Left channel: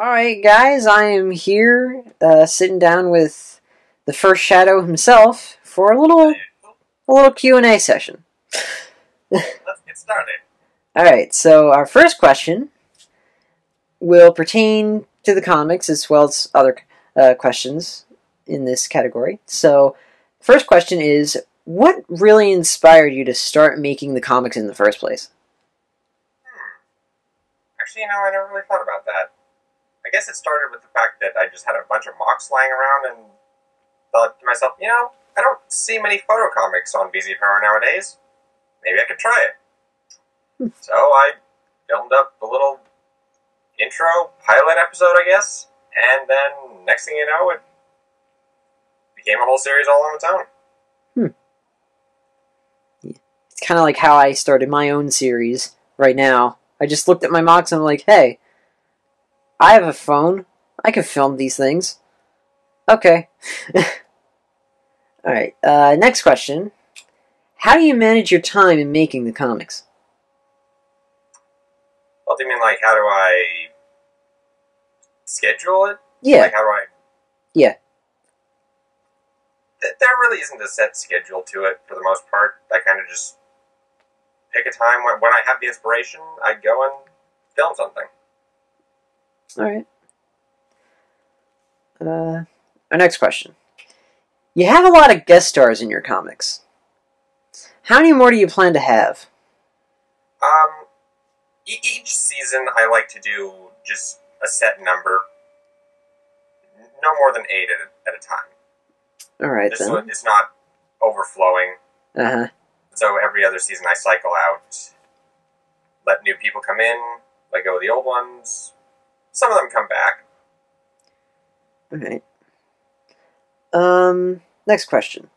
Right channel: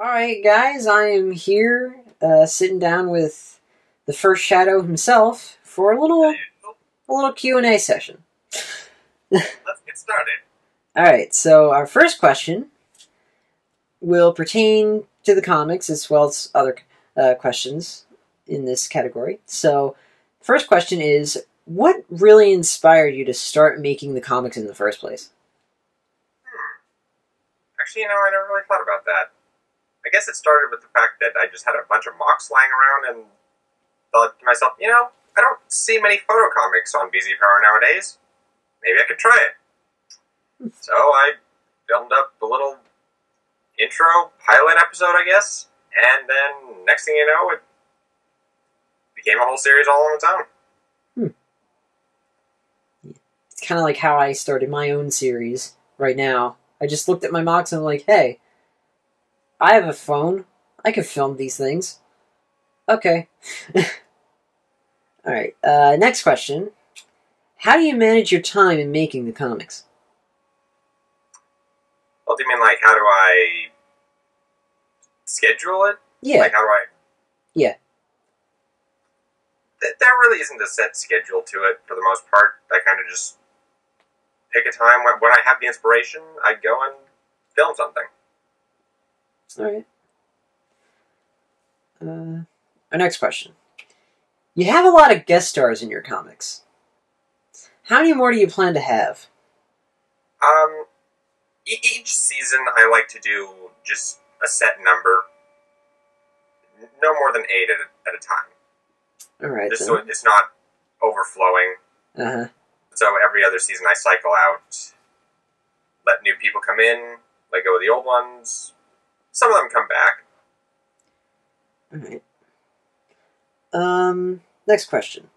Alright guys, I am here, sitting down with the first Shadow himself for a little Q&A session. Let's get started. Alright, so our first question will pertain to the comics as well as other questions in this category. So, first question is, what really inspired you to start making the comics in the first place? Actually, I never really thought about that. I guess it started with the fact that I just had a bunch of mocks lying around and thought to myself, I don't see many photo comics on BZ Power nowadays. Maybe I could try it. So I filmed up the little intro pilot episode, I guess, and then next thing you know, it became a whole series all on its own. It's kind of like how I started my own series right now. I just looked at my mocks and I'm like, hey, I have a phone. I can film these things. Okay. Alright, next question. How do you manage your time in making the comics? Well, do you mean like how do I schedule it? Yeah. Like how do I... Yeah. There really isn't a set schedule to it for the most part. I kind of just pick a time when I have the inspiration, I go and film something. Alright. Our next question. You have a lot of guest stars in your comics. How many more do you plan to have? Each season I like to do just a set number. No more than 8 at a time. Alright, just then. so it's not overflowing. Uh-huh. So every other season I cycle out, let new people come in, let go of the old ones. Some of them come back. Alright. Next question.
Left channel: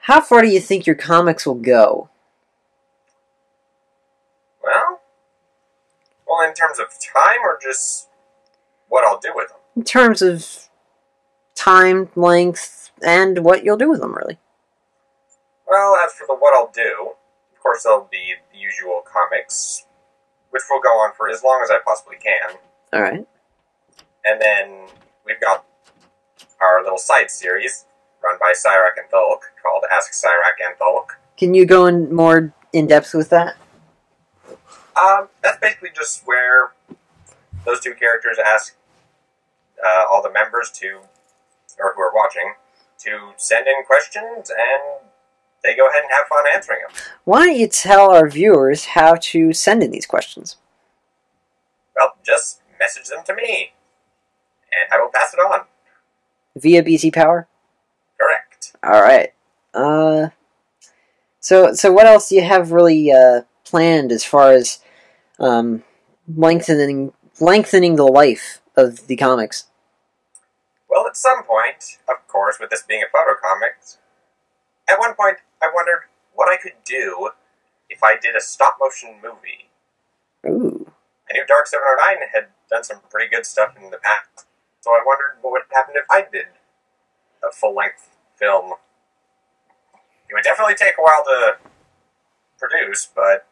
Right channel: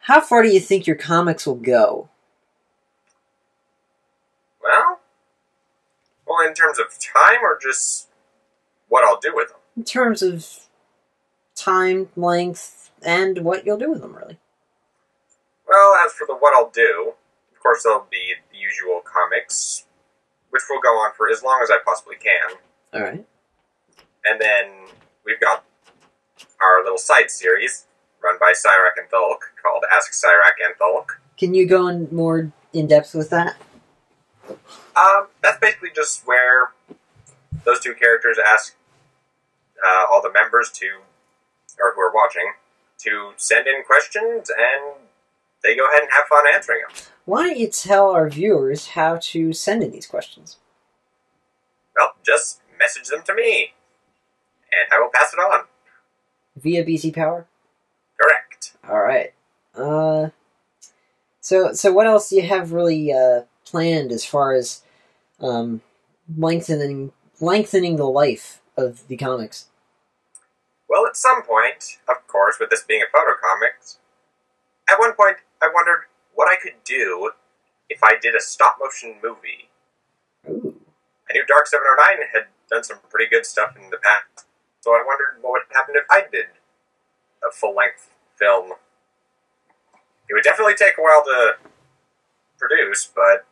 How far do you think your comics will go? Well, in terms of time or just what I'll do with them? In terms of time, length, and what you'll do with them, really. Well, as for the what I'll do, of course there'll be the usual comics, which will go on for as long as I possibly can. Alright. And then we've got our little side series run by Cyrac and Thulk called Ask Cyrac and Thulk. Can you go in more in-depth with that? That's basically just where those two characters ask all the members or who are watching, to send in questions, and they go ahead and have fun answering them. Why don't you tell our viewers how to send in these questions? Well, just message them to me, and I will pass it on. Via BC Power? Correct. Alright. So what else do you have really planned as far as lengthening the life of the comics? Well, at some point, of course, with this being a photo comic, at one point I wondered what I could do if I did a stop-motion movie. Ooh. I knew Dark 709 had done some pretty good stuff in the past, so I wondered what would happen if I did a full-length film. It would definitely take a while to produce, but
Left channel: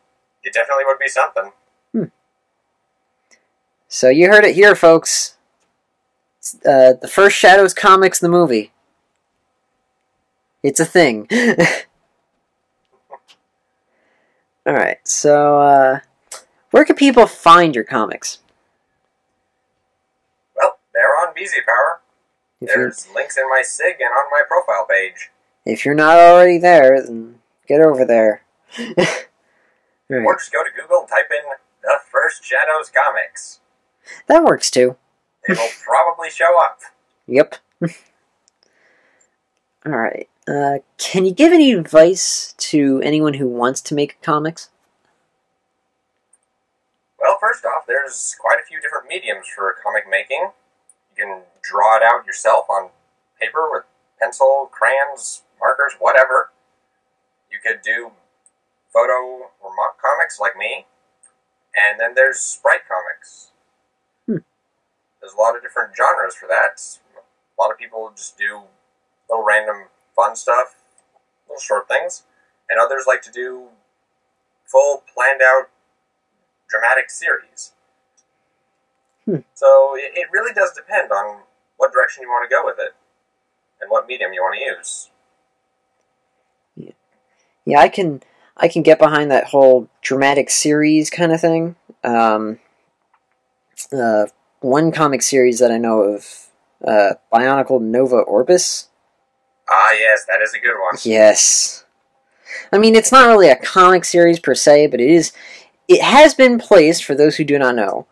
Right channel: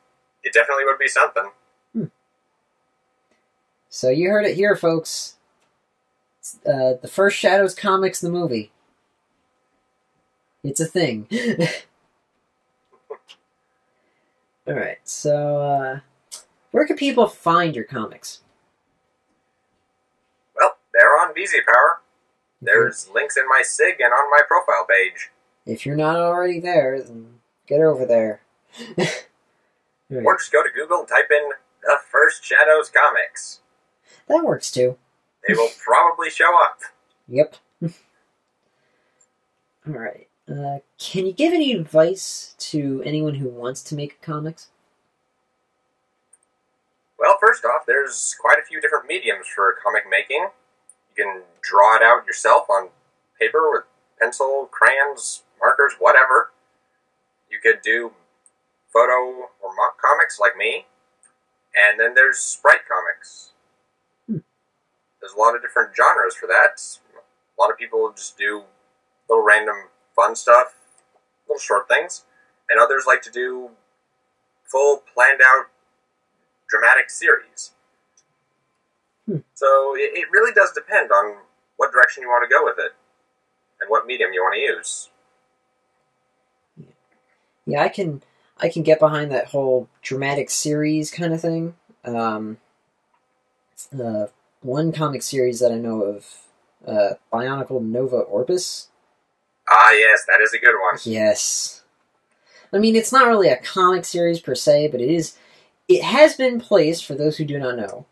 it definitely would be something. So you heard it here, folks. The first Shadows comics, the movie. It's a thing. Alright, so where can people find your comics? Well, they're on BZ Power. There's links in my SIG and on my profile page. If you're not already there, then get over there. Right. Or just go to Google and type in The First Shadows Comics. That works too. They will probably show up. Yep. Alright. Can you give any advice to anyone who wants to make comics? Well, first off, there's quite a few different mediums for comic making. You can draw it out yourself on paper with pencil, crayons, markers, whatever. You could do photo or mock comics like me. And then there's sprite comics. There's a lot of different genres for that. A lot of people just do little random fun stuff, little short things. And others like to do full, planned out, dramatic series. So it really does depend on what direction you want to go with it and what medium you want to use. Yeah, I can get behind that whole dramatic series kind of thing. One comic series that I know of, Bionicle Nova Orbis. Ah, yes, that is a good one. Yes. I mean, it's not really a comic series per se, but it has been placed, for those who do not know,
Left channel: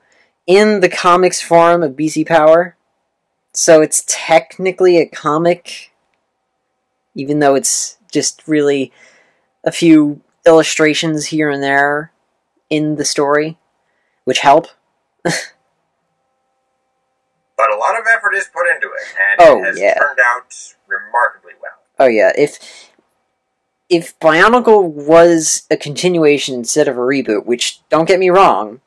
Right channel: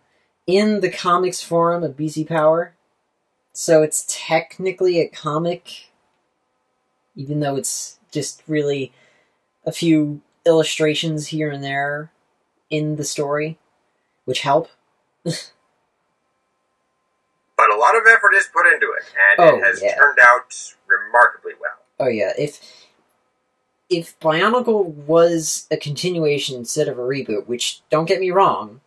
in the comics forum of BC Power. So it's technically a comic, even though it's just really a few illustrations here and there in the story, which help. But a lot of effort is put into it, and it has turned out remarkably well. Oh yeah, if Bionicle was a continuation instead of a reboot, which, don't get me wrong,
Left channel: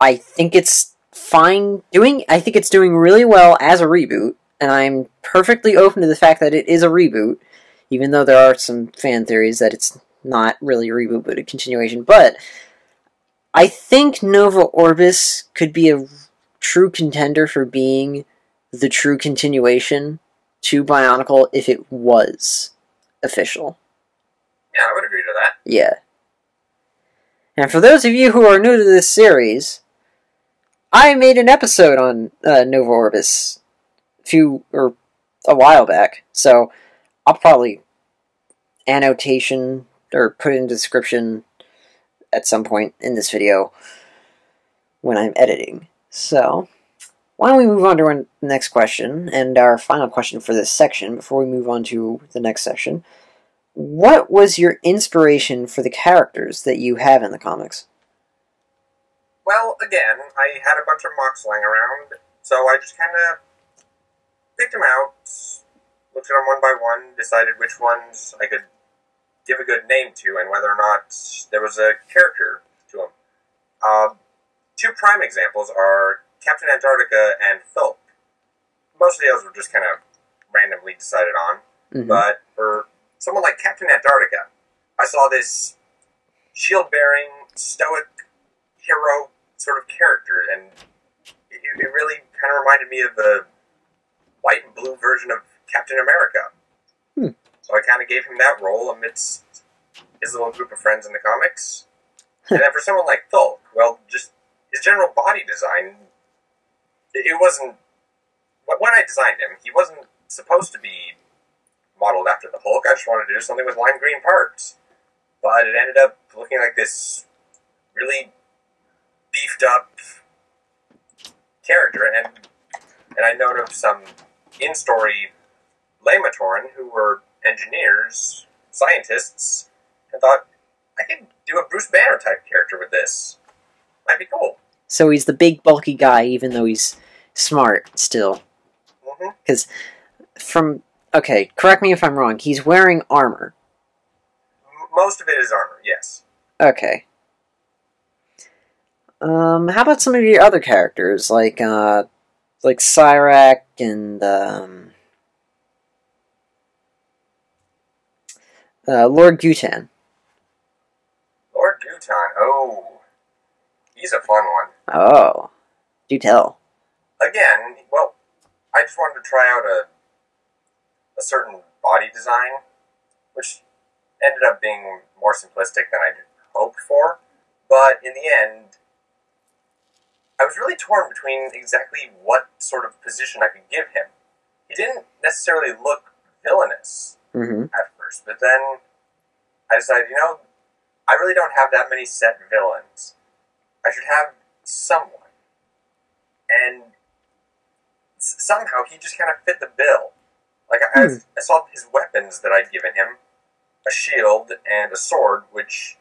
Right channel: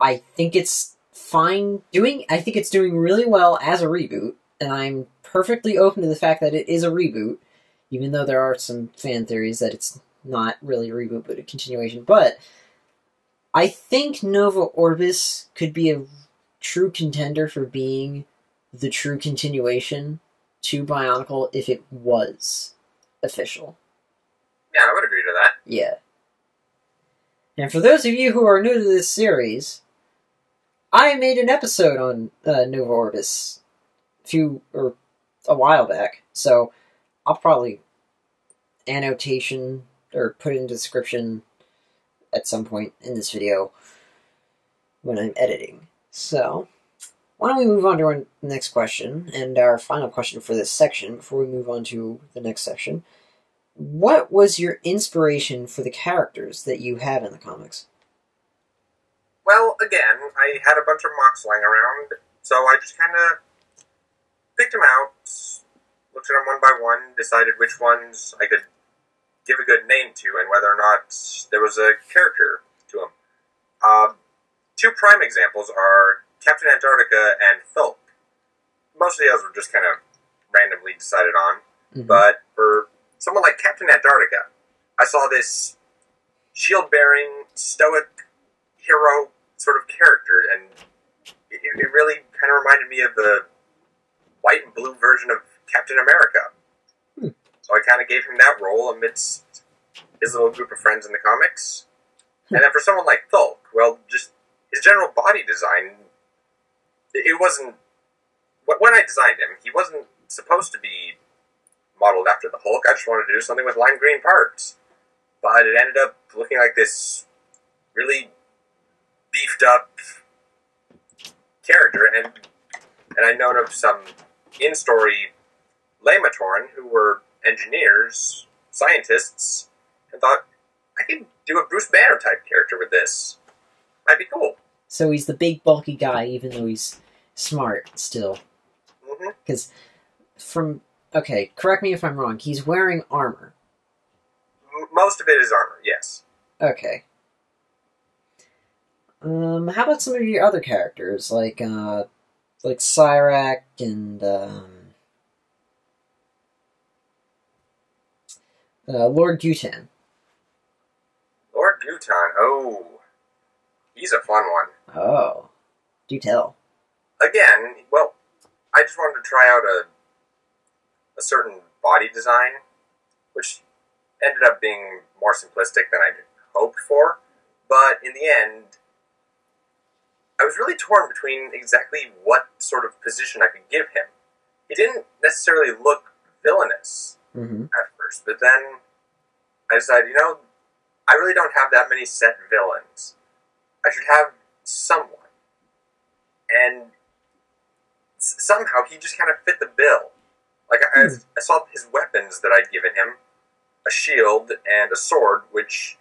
I think it's fine doing. I think it's doing really well as a reboot, and I'm perfectly open to the fact that it is a reboot, even though there are some fan theories that it's not really a reboot but a continuation. But I think Nova Orbis could be a true contender for being the true continuation to Bionicle if it was official. Yeah, I would agree to that. Yeah. And for those of you who are new to this series, I made an episode on Nova Orbis a while back, so I'll probably annotation or put it in the description at some point in this video when I'm editing. So, why don't we move on to our next question, and our final question for this section before we move on to the next section. What was your inspiration for the characters that you have in the comics? Well, again, I had a bunch of mocks lying around, so I just kind of picked them out, looked at them one by one, decided which ones I could give a good name to, and whether or not there was a character to them. Two prime examples are Captain Antarctica and Thulk. Most of those were just kind of randomly decided on, but for someone like Captain Antarctica, I saw this shield-bearing, stoic hero sort of character, and it really kind of reminded me of the white and blue version of Captain America. So I kind of gave him that role amidst his little group of friends in the comics. And then for someone like Thulk, well, just his general body design, it wasn't... When I designed him, he wasn't supposed to be modeled after the Hulk. I just wanted to do something with lime green parts. But it ended up looking like this really beefed up character, and I known of some in-story Lamatoran who were engineers, scientists, and thought, I could do a Bruce Banner type character with this. Might be cool. So he's the big bulky guy, even though he's smart still. Because okay, correct me if I'm wrong, he's wearing armor. Most of it is armor, yes. Okay. How about some of your other characters, like Cyrac and, Lord Gutan? Lord Gutan, oh. He's a fun one. Oh. Do tell. Again, well, I just wanted to try out a certain body design, which ended up being more simplistic than I'd hoped for, but in the end, I was really torn between exactly what sort of position I could give him. He didn't necessarily look villainous at first, but then I decided, I really don't have that many set villains. I should have someone. And somehow he just kind of fit the bill. Like, I saw his weapons that I'd given him, a shield and a sword, which,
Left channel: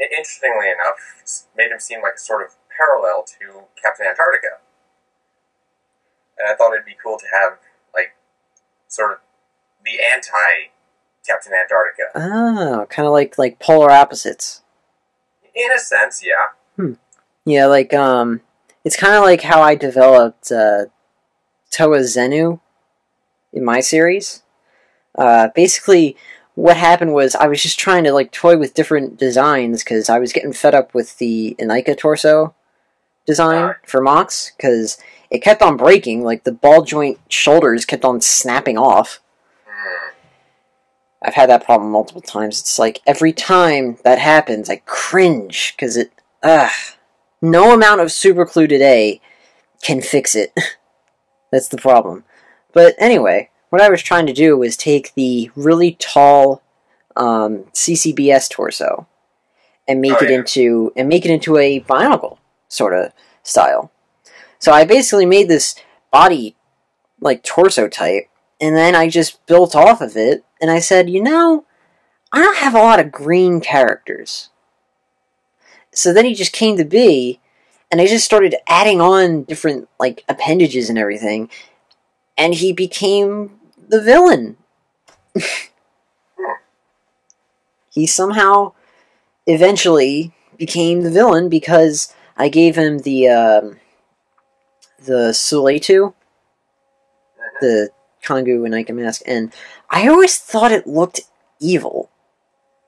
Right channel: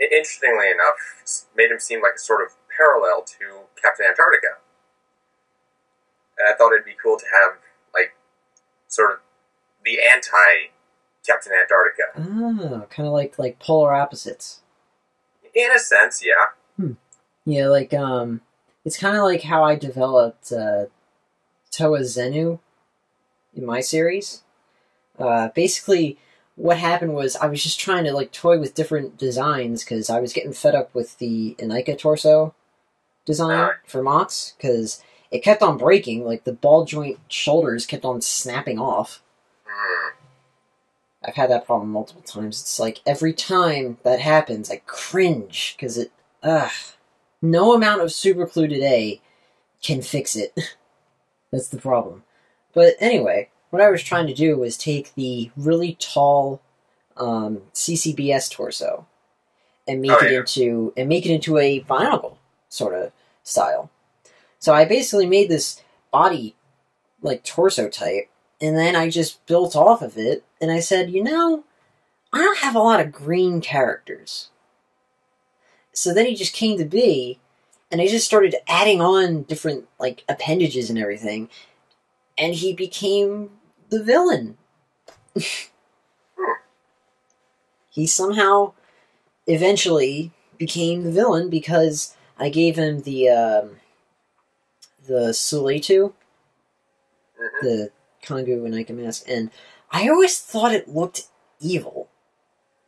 interestingly enough, made him seem like a sort of parallel to Captain Antarctica. And I thought it'd be cool to have, like, sort of the anti-Captain Antarctica. Oh, kind of like polar opposites. In a sense, yeah. Yeah, like, it's kind of like how I developed Toa Zenu in my series. Basically, what happened was I was just trying to, like, toy with different designs because I was getting fed up with the Inika torso design for Mox, because it kept on breaking. Like, the ball joint shoulders kept on snapping off. I've had that problem multiple times. It's like, every time that happens, I cringe, because no amount of super glue today can fix it. That's the problem. But anyway, what I was trying to do was take the really tall CCBS torso and make it into a Bionicle sort of style. So I basically made this body like torso type, and then I just built off of it, and I said, I don't have a lot of green characters. So then he just came to be, and I just started adding on different like appendages and everything, and he became the villain. He somehow eventually became the villain because I gave him the Suletu, the Kongu and Ica mask, and I always thought it looked evil.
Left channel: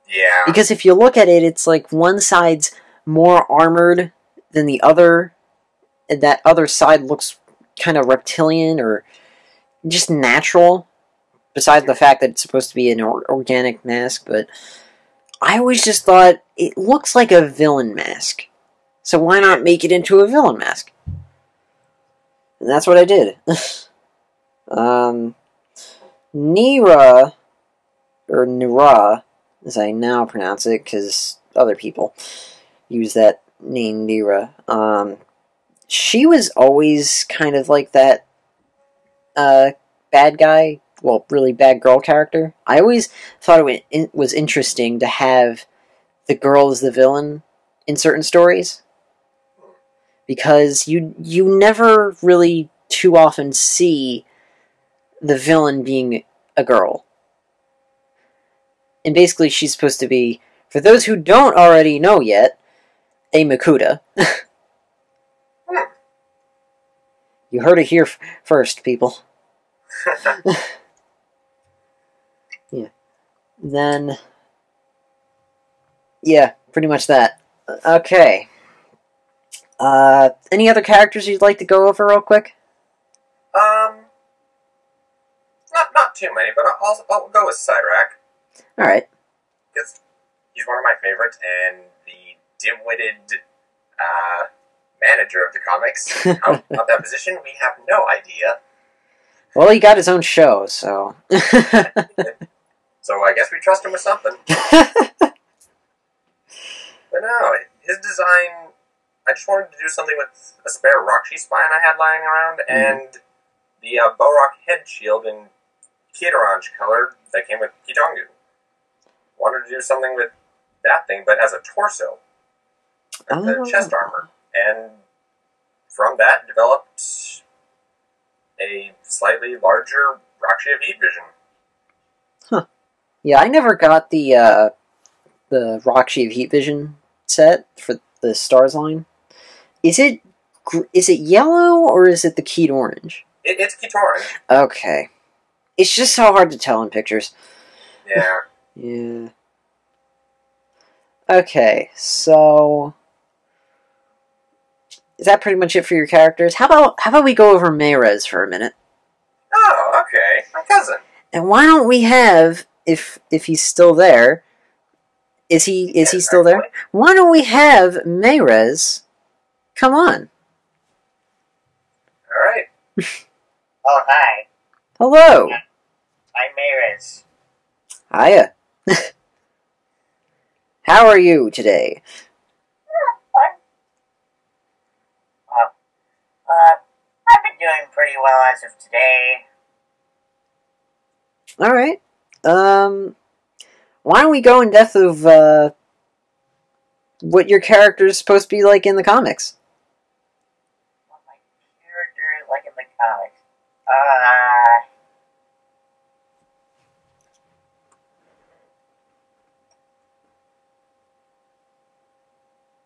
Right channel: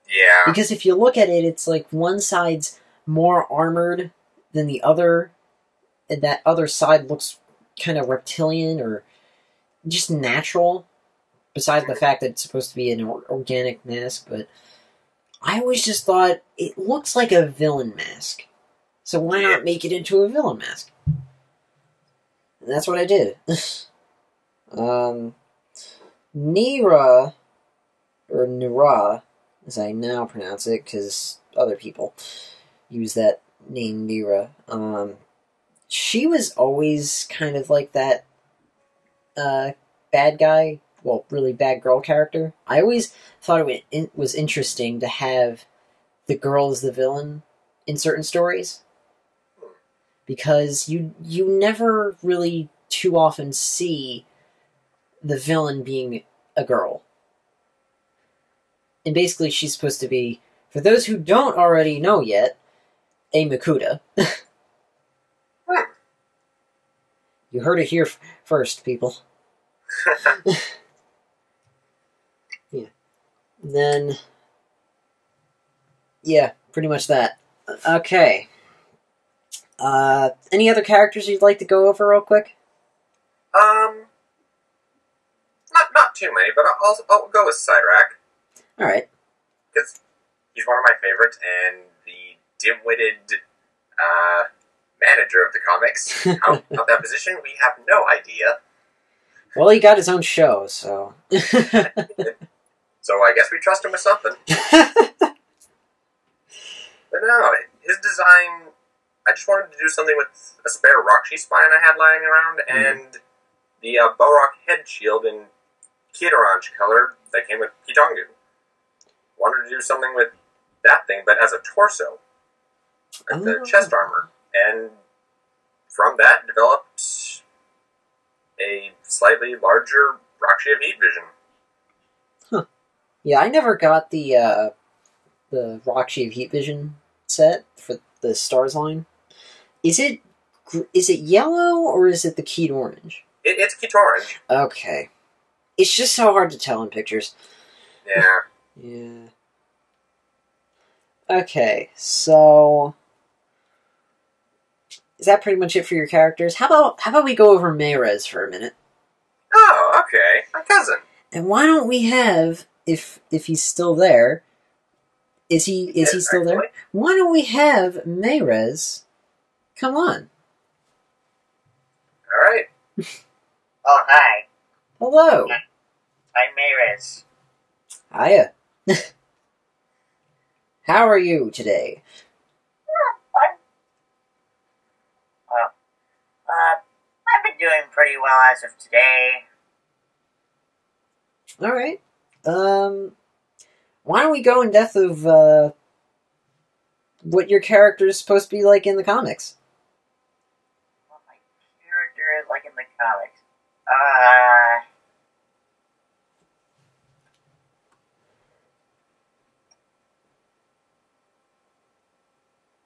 Yeah. Because if you look at it, it's like one side's more armored than the other, and that other side looks kind of reptilian or just natural, besides the fact that it's supposed to be an organic mask, but I always just thought, it looks like a villain mask. So why not make it into a villain mask? And that's what I did. Nira, or Nira, as I now pronounce it, because other people use that name, Nira. She was always kind of like that bad guy, well, really bad girl character. I always thought it was interesting to have the girl as the villain in certain stories, because you never really too often see the villain being a girl. And basically she's supposed to be, for those who don't already know yet, a Makuta. You heard it here first, people. Yeah. Then, yeah, pretty much that. Okay. Any other characters you'd like to go over real quick? Not too many, but I'll go with Cyrac. Alright. Because he's one of my favorites, and the dim-witted manager of the comics. How that position, we have no idea. Well, he got his own show, so... So I guess we trust him with something. But no, his design... I just wanted to do something with a spare Rockshi spine I had lying around, and the Borok head shield in Kid-Orange color that came with Kitongu. Wanted to do something with that thing, but as a torso. Like the chest armor. And from that, developed a slightly larger Rockshi of Heat Vision. Huh. Yeah, I never got the Rockshi of Heat Vision set for the Stars line. Is it yellow, or is it the Keyed Orange? It's Keyed Orange. Okay. It's just so hard to tell in pictures. Yeah. Yeah. Okay, so... Is that pretty much it for your characters? How about we go over Meirez for a minute? Oh, okay. My cousin. And why don't we have, if he's still there... Is he still there? Why don't we have Meirez... Come on. Alright. Oh, hi. Hello. I'm Meirez. Hiya. How are you today? Well, I've been doing pretty well as of today. Alright. Why don't we go in depth of, what your character is supposed to be like in the comics? What my character is like in the comics.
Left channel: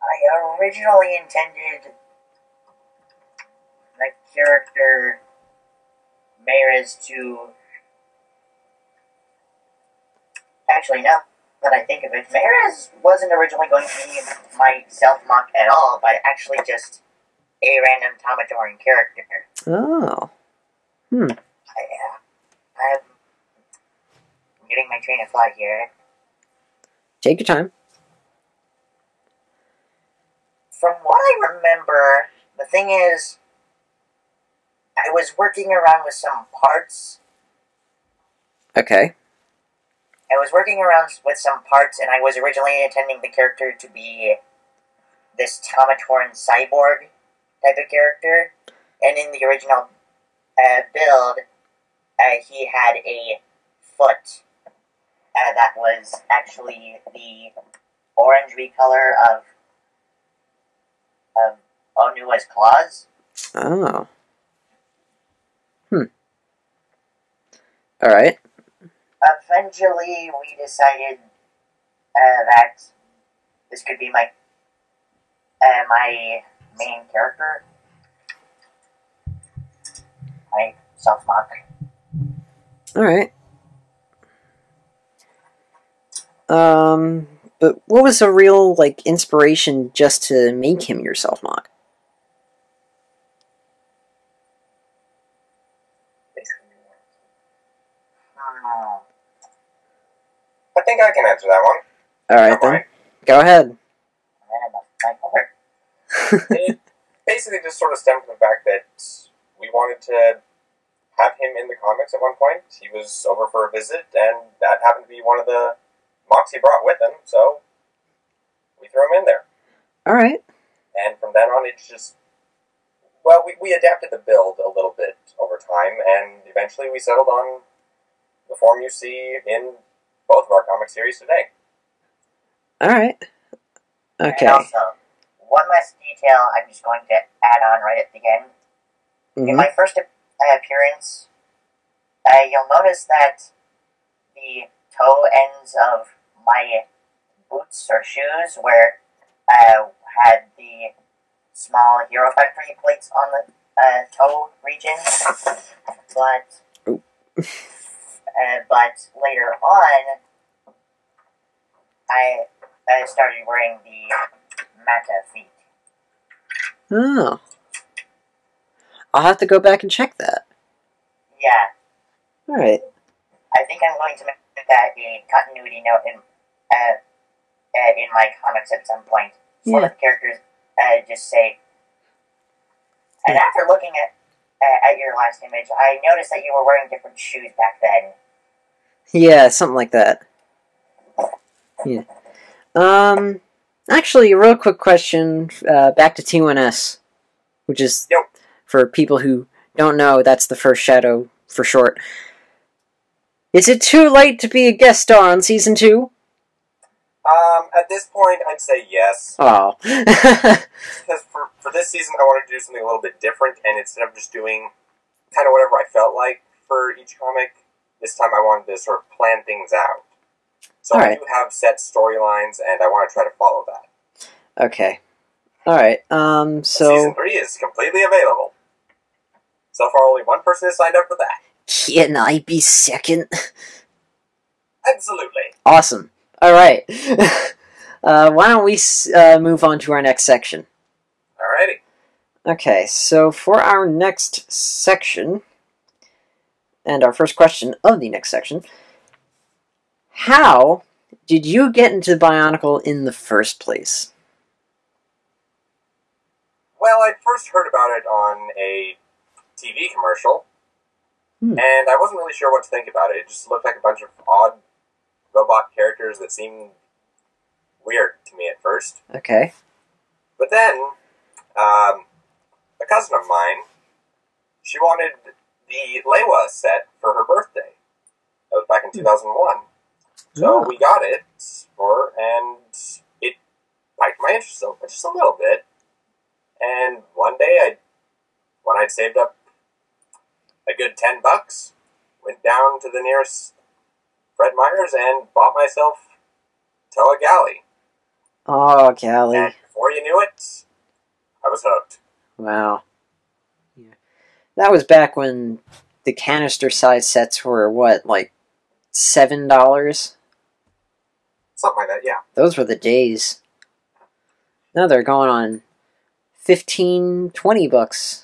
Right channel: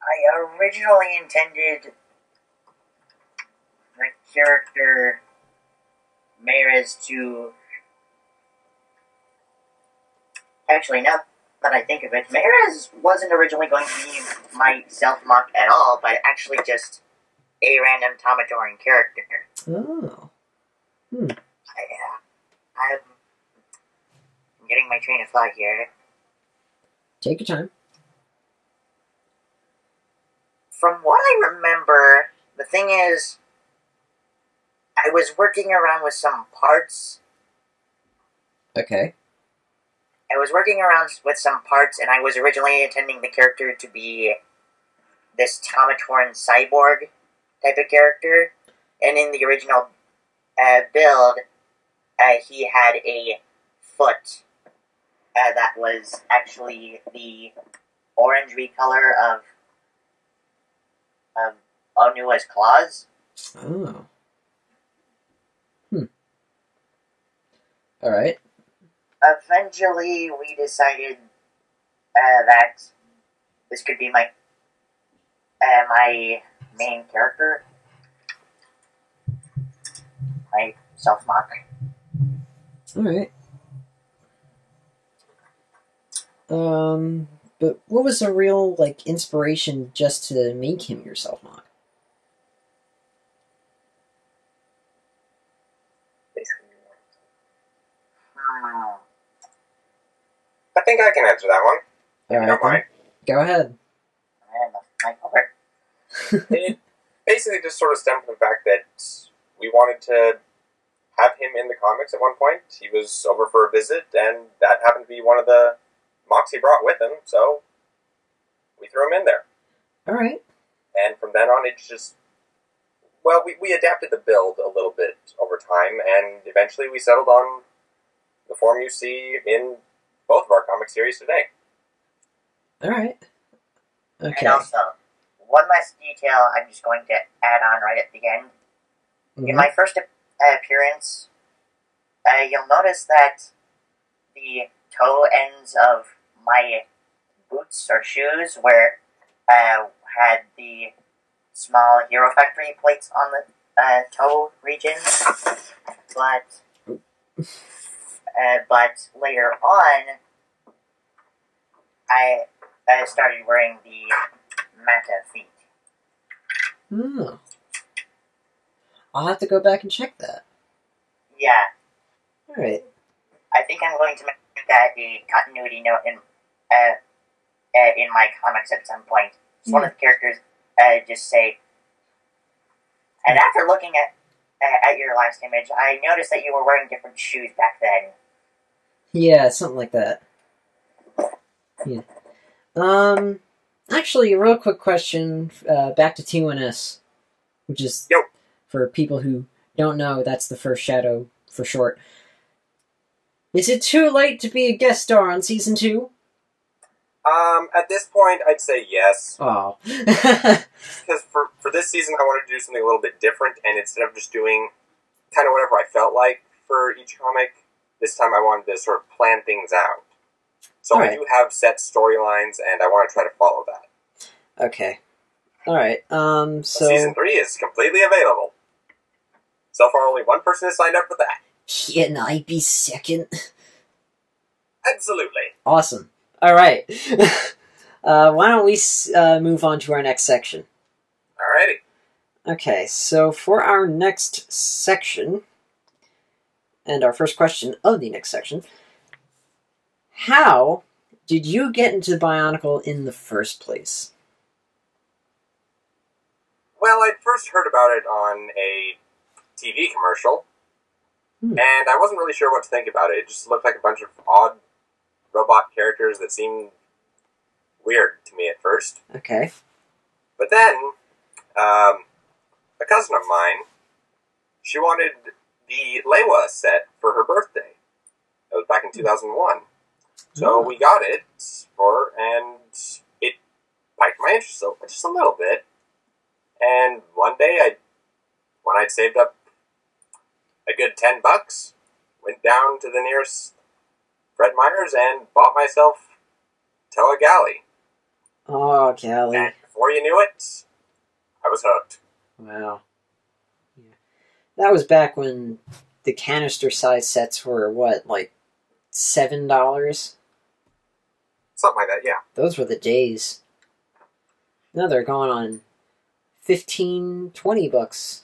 I originally intended the character Meirez to... Actually, now that I think of it, Meirez wasn't originally going to be my self-mock at all, but actually just a random Tomatoran character. Oh. I'm getting my train of thought here. Take your time. From what I remember, the thing is, I was working around with some parts. Okay. I was working around with some parts, and I was originally intending the character to be this Tomatoran cyborg type of character. And in the original build, he had a foot that was actually the orangey color of Onua's claws. Oh. Alright. Eventually, we decided that this could be my main character. My self-mock. Alright. But what was a real, inspiration just to make him your self-mock? I think I can answer that one. Alright, then. Go ahead. It basically just sort of stemmed from the fact that we wanted to have him in the comics at one point. He was over for a visit, and that happened to be one of the mocks he brought with him, so we threw him in there. Alright. And from then on, it's just... Well, we adapted the build a little bit over time, and eventually we settled on the form you see in both of our comic series today. Alright. Okay. And also, one last detail I'm just going to add on right at the end. Mm-hmm. In my first appearance, you'll notice that the toe ends of my boots or shoes, where had the small Hero Factory plates on the toe region, but later on, I started wearing the Mata feet. Oh. I'll have to go back and check that. Yeah. Alright. I think I'm going to make that a continuity note in my comics at some point. Yeah. One of the characters just say, and after looking at your last image, I noticed that you were wearing different shoes back then. Yeah, something like that. Yeah. Actually, a real quick question, back to T1S, which is, Yep. For people who don't know, that's the first Shadow for short. Is it too late to be a guest star on Season 2? At this point, I'd say yes. Oh. Because for this season, I wanted to do something a little bit different, and instead of just doing kind of whatever I felt like for each comic, this time I wanted to sort of plan things out. So I do have set storylines, and I want to try to follow that. Okay. Alright, so... Season 3 is completely available. So far, only one person has signed up for that. Can I be second? Absolutely. Awesome. Alright. Why don't we move on to our next section? Alrighty. Okay, so for our next section, and our first question of the next section, how did you get into Bionicle in the first place? Well, I'd first heard about it on a TV commercial, and I wasn't really sure what to think about it. It just looked like a bunch of odd robot characters that seemed weird to me at first. Okay. But then, a cousin of mine, she wanted the Leiwa set for her birthday. That was back in 2001. So we got it and it piqued my interest just a little bit. And one day, when I'd saved up a good $10, went down to the nearest Fred Meyer's and bought myself Toa Galley. Oh, Galley. And before you knew it, I was hooked. Wow. Yeah. That was back when the canister size sets were, what, like $7? Something like that, yeah. Those were the days. Now they're going on $15-20.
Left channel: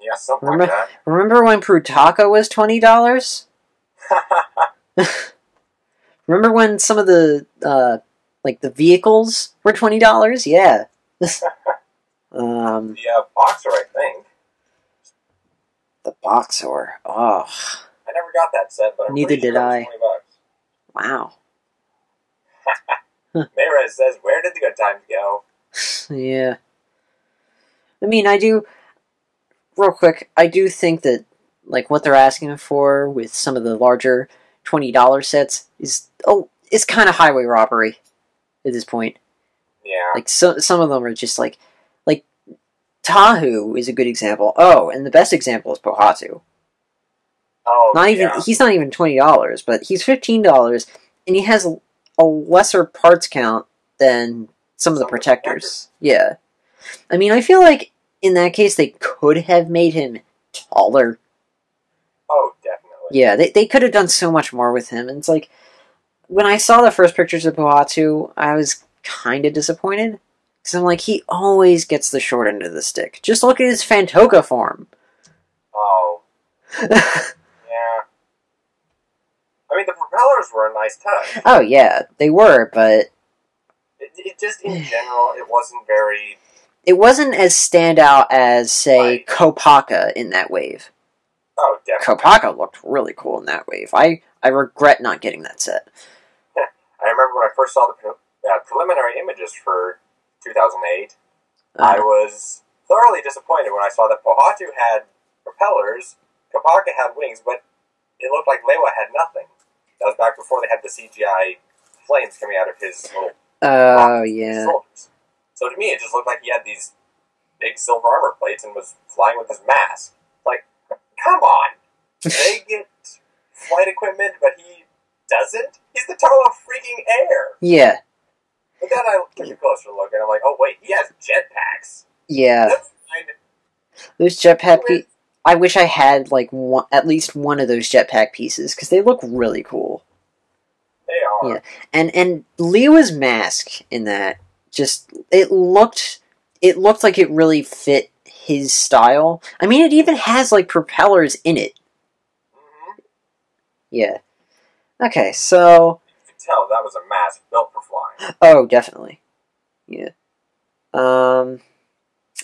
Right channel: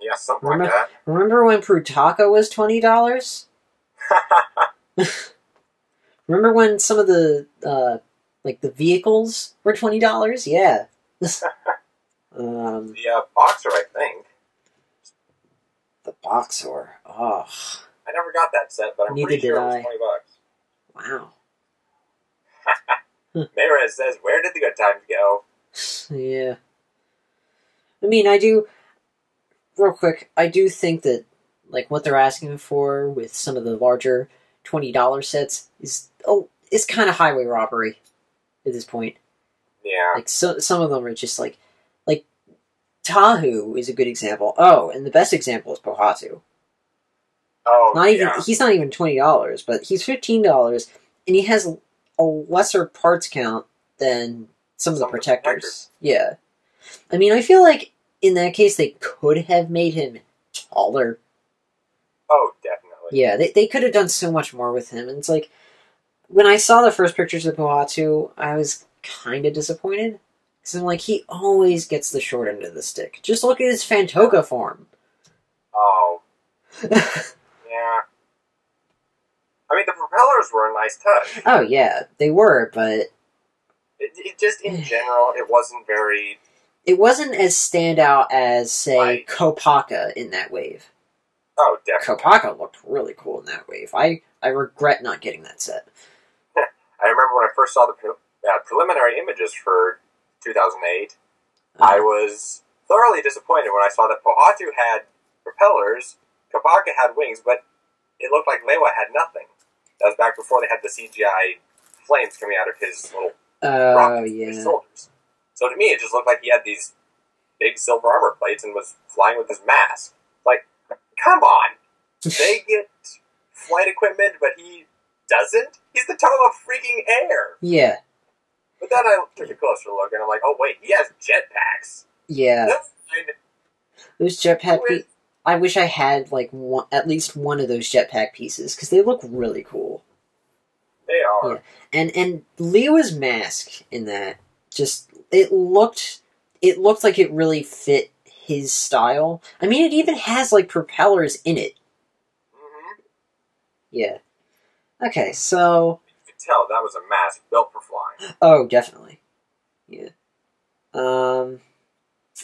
Yeah, something like that. Remember when Prutaka was $20? Remember when some of the like the vehicles were $20? Yeah. The Boxer, I think. The Boxer. Oh. I never got that set, but I'm Neither pretty sure did it I. was $20. Wow. Mayrez says, "Where did the good times go?" Yeah. I mean, I do. Real quick, I do think that like what they're asking for with some of the larger $20 sets is kind of highway robbery at this point. Yeah. Like some of them are just like Tahu is a good example. Oh, and the best example is Pohatu. Oh, He's not even $20, but he's $15, and he has a lesser parts count than some of the protectors. Yeah. I mean, I feel like in that case they could have made him taller. Oh, definitely. Yeah, they could have done so much more with him. And it's like, when I saw the first pictures of Pohatu, I was kind of disappointed. Because I'm like, he always gets the short end of the stick. Just look at his Fantoka form. Oh. Yeah. I mean, the propellers were a nice touch. Oh, yeah, they were, but It just, in general, it wasn't very... It wasn't as standout as, say, Right. Kopaka in that wave. Oh, definitely. Kopaka looked really cool in that wave. I regret not getting that set. I remember when I first saw the preliminary images for 2008, I was thoroughly disappointed when I saw that Pohatu had propellers, Kopaka had wings, but it looked like Lewa had nothing. That was back before they had the CGI flames coming out of his little rockets in his shoulders. So to me, it just looked like he had these big silver armor plates and was flying with his mask. Like, come on! They get flight equipment, but he doesn't? He's the total of freaking air! Yeah. But then I took a closer look, and I'm like, oh wait, he has jetpacks. Yeah. Those jetpack I wish I had, like, at least one of those jetpack pieces, because they look really cool. They are. Yeah. And Lewa's mask in that, just, it looked like it really fit his style. I mean, it even has, like, propellers in it. Mm-hmm. Yeah. Okay, so... You can tell that was a mask built for flying. Oh, definitely. Yeah.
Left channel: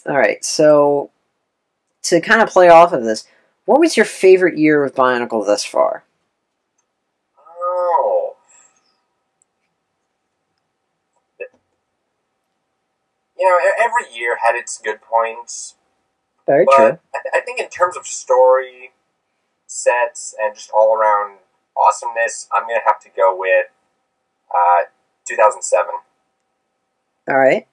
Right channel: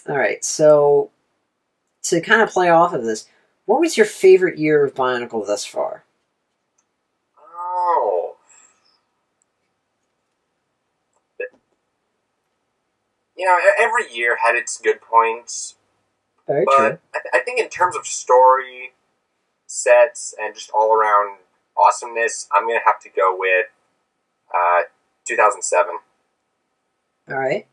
Alright, so... To kind of play off of this, what was your favorite year with Bionicle thus far? Oh. You know, every year had its good points. Very true. I think in terms of story, sets, and just all-around awesomeness, I'm going to have to go with 2007. Alright.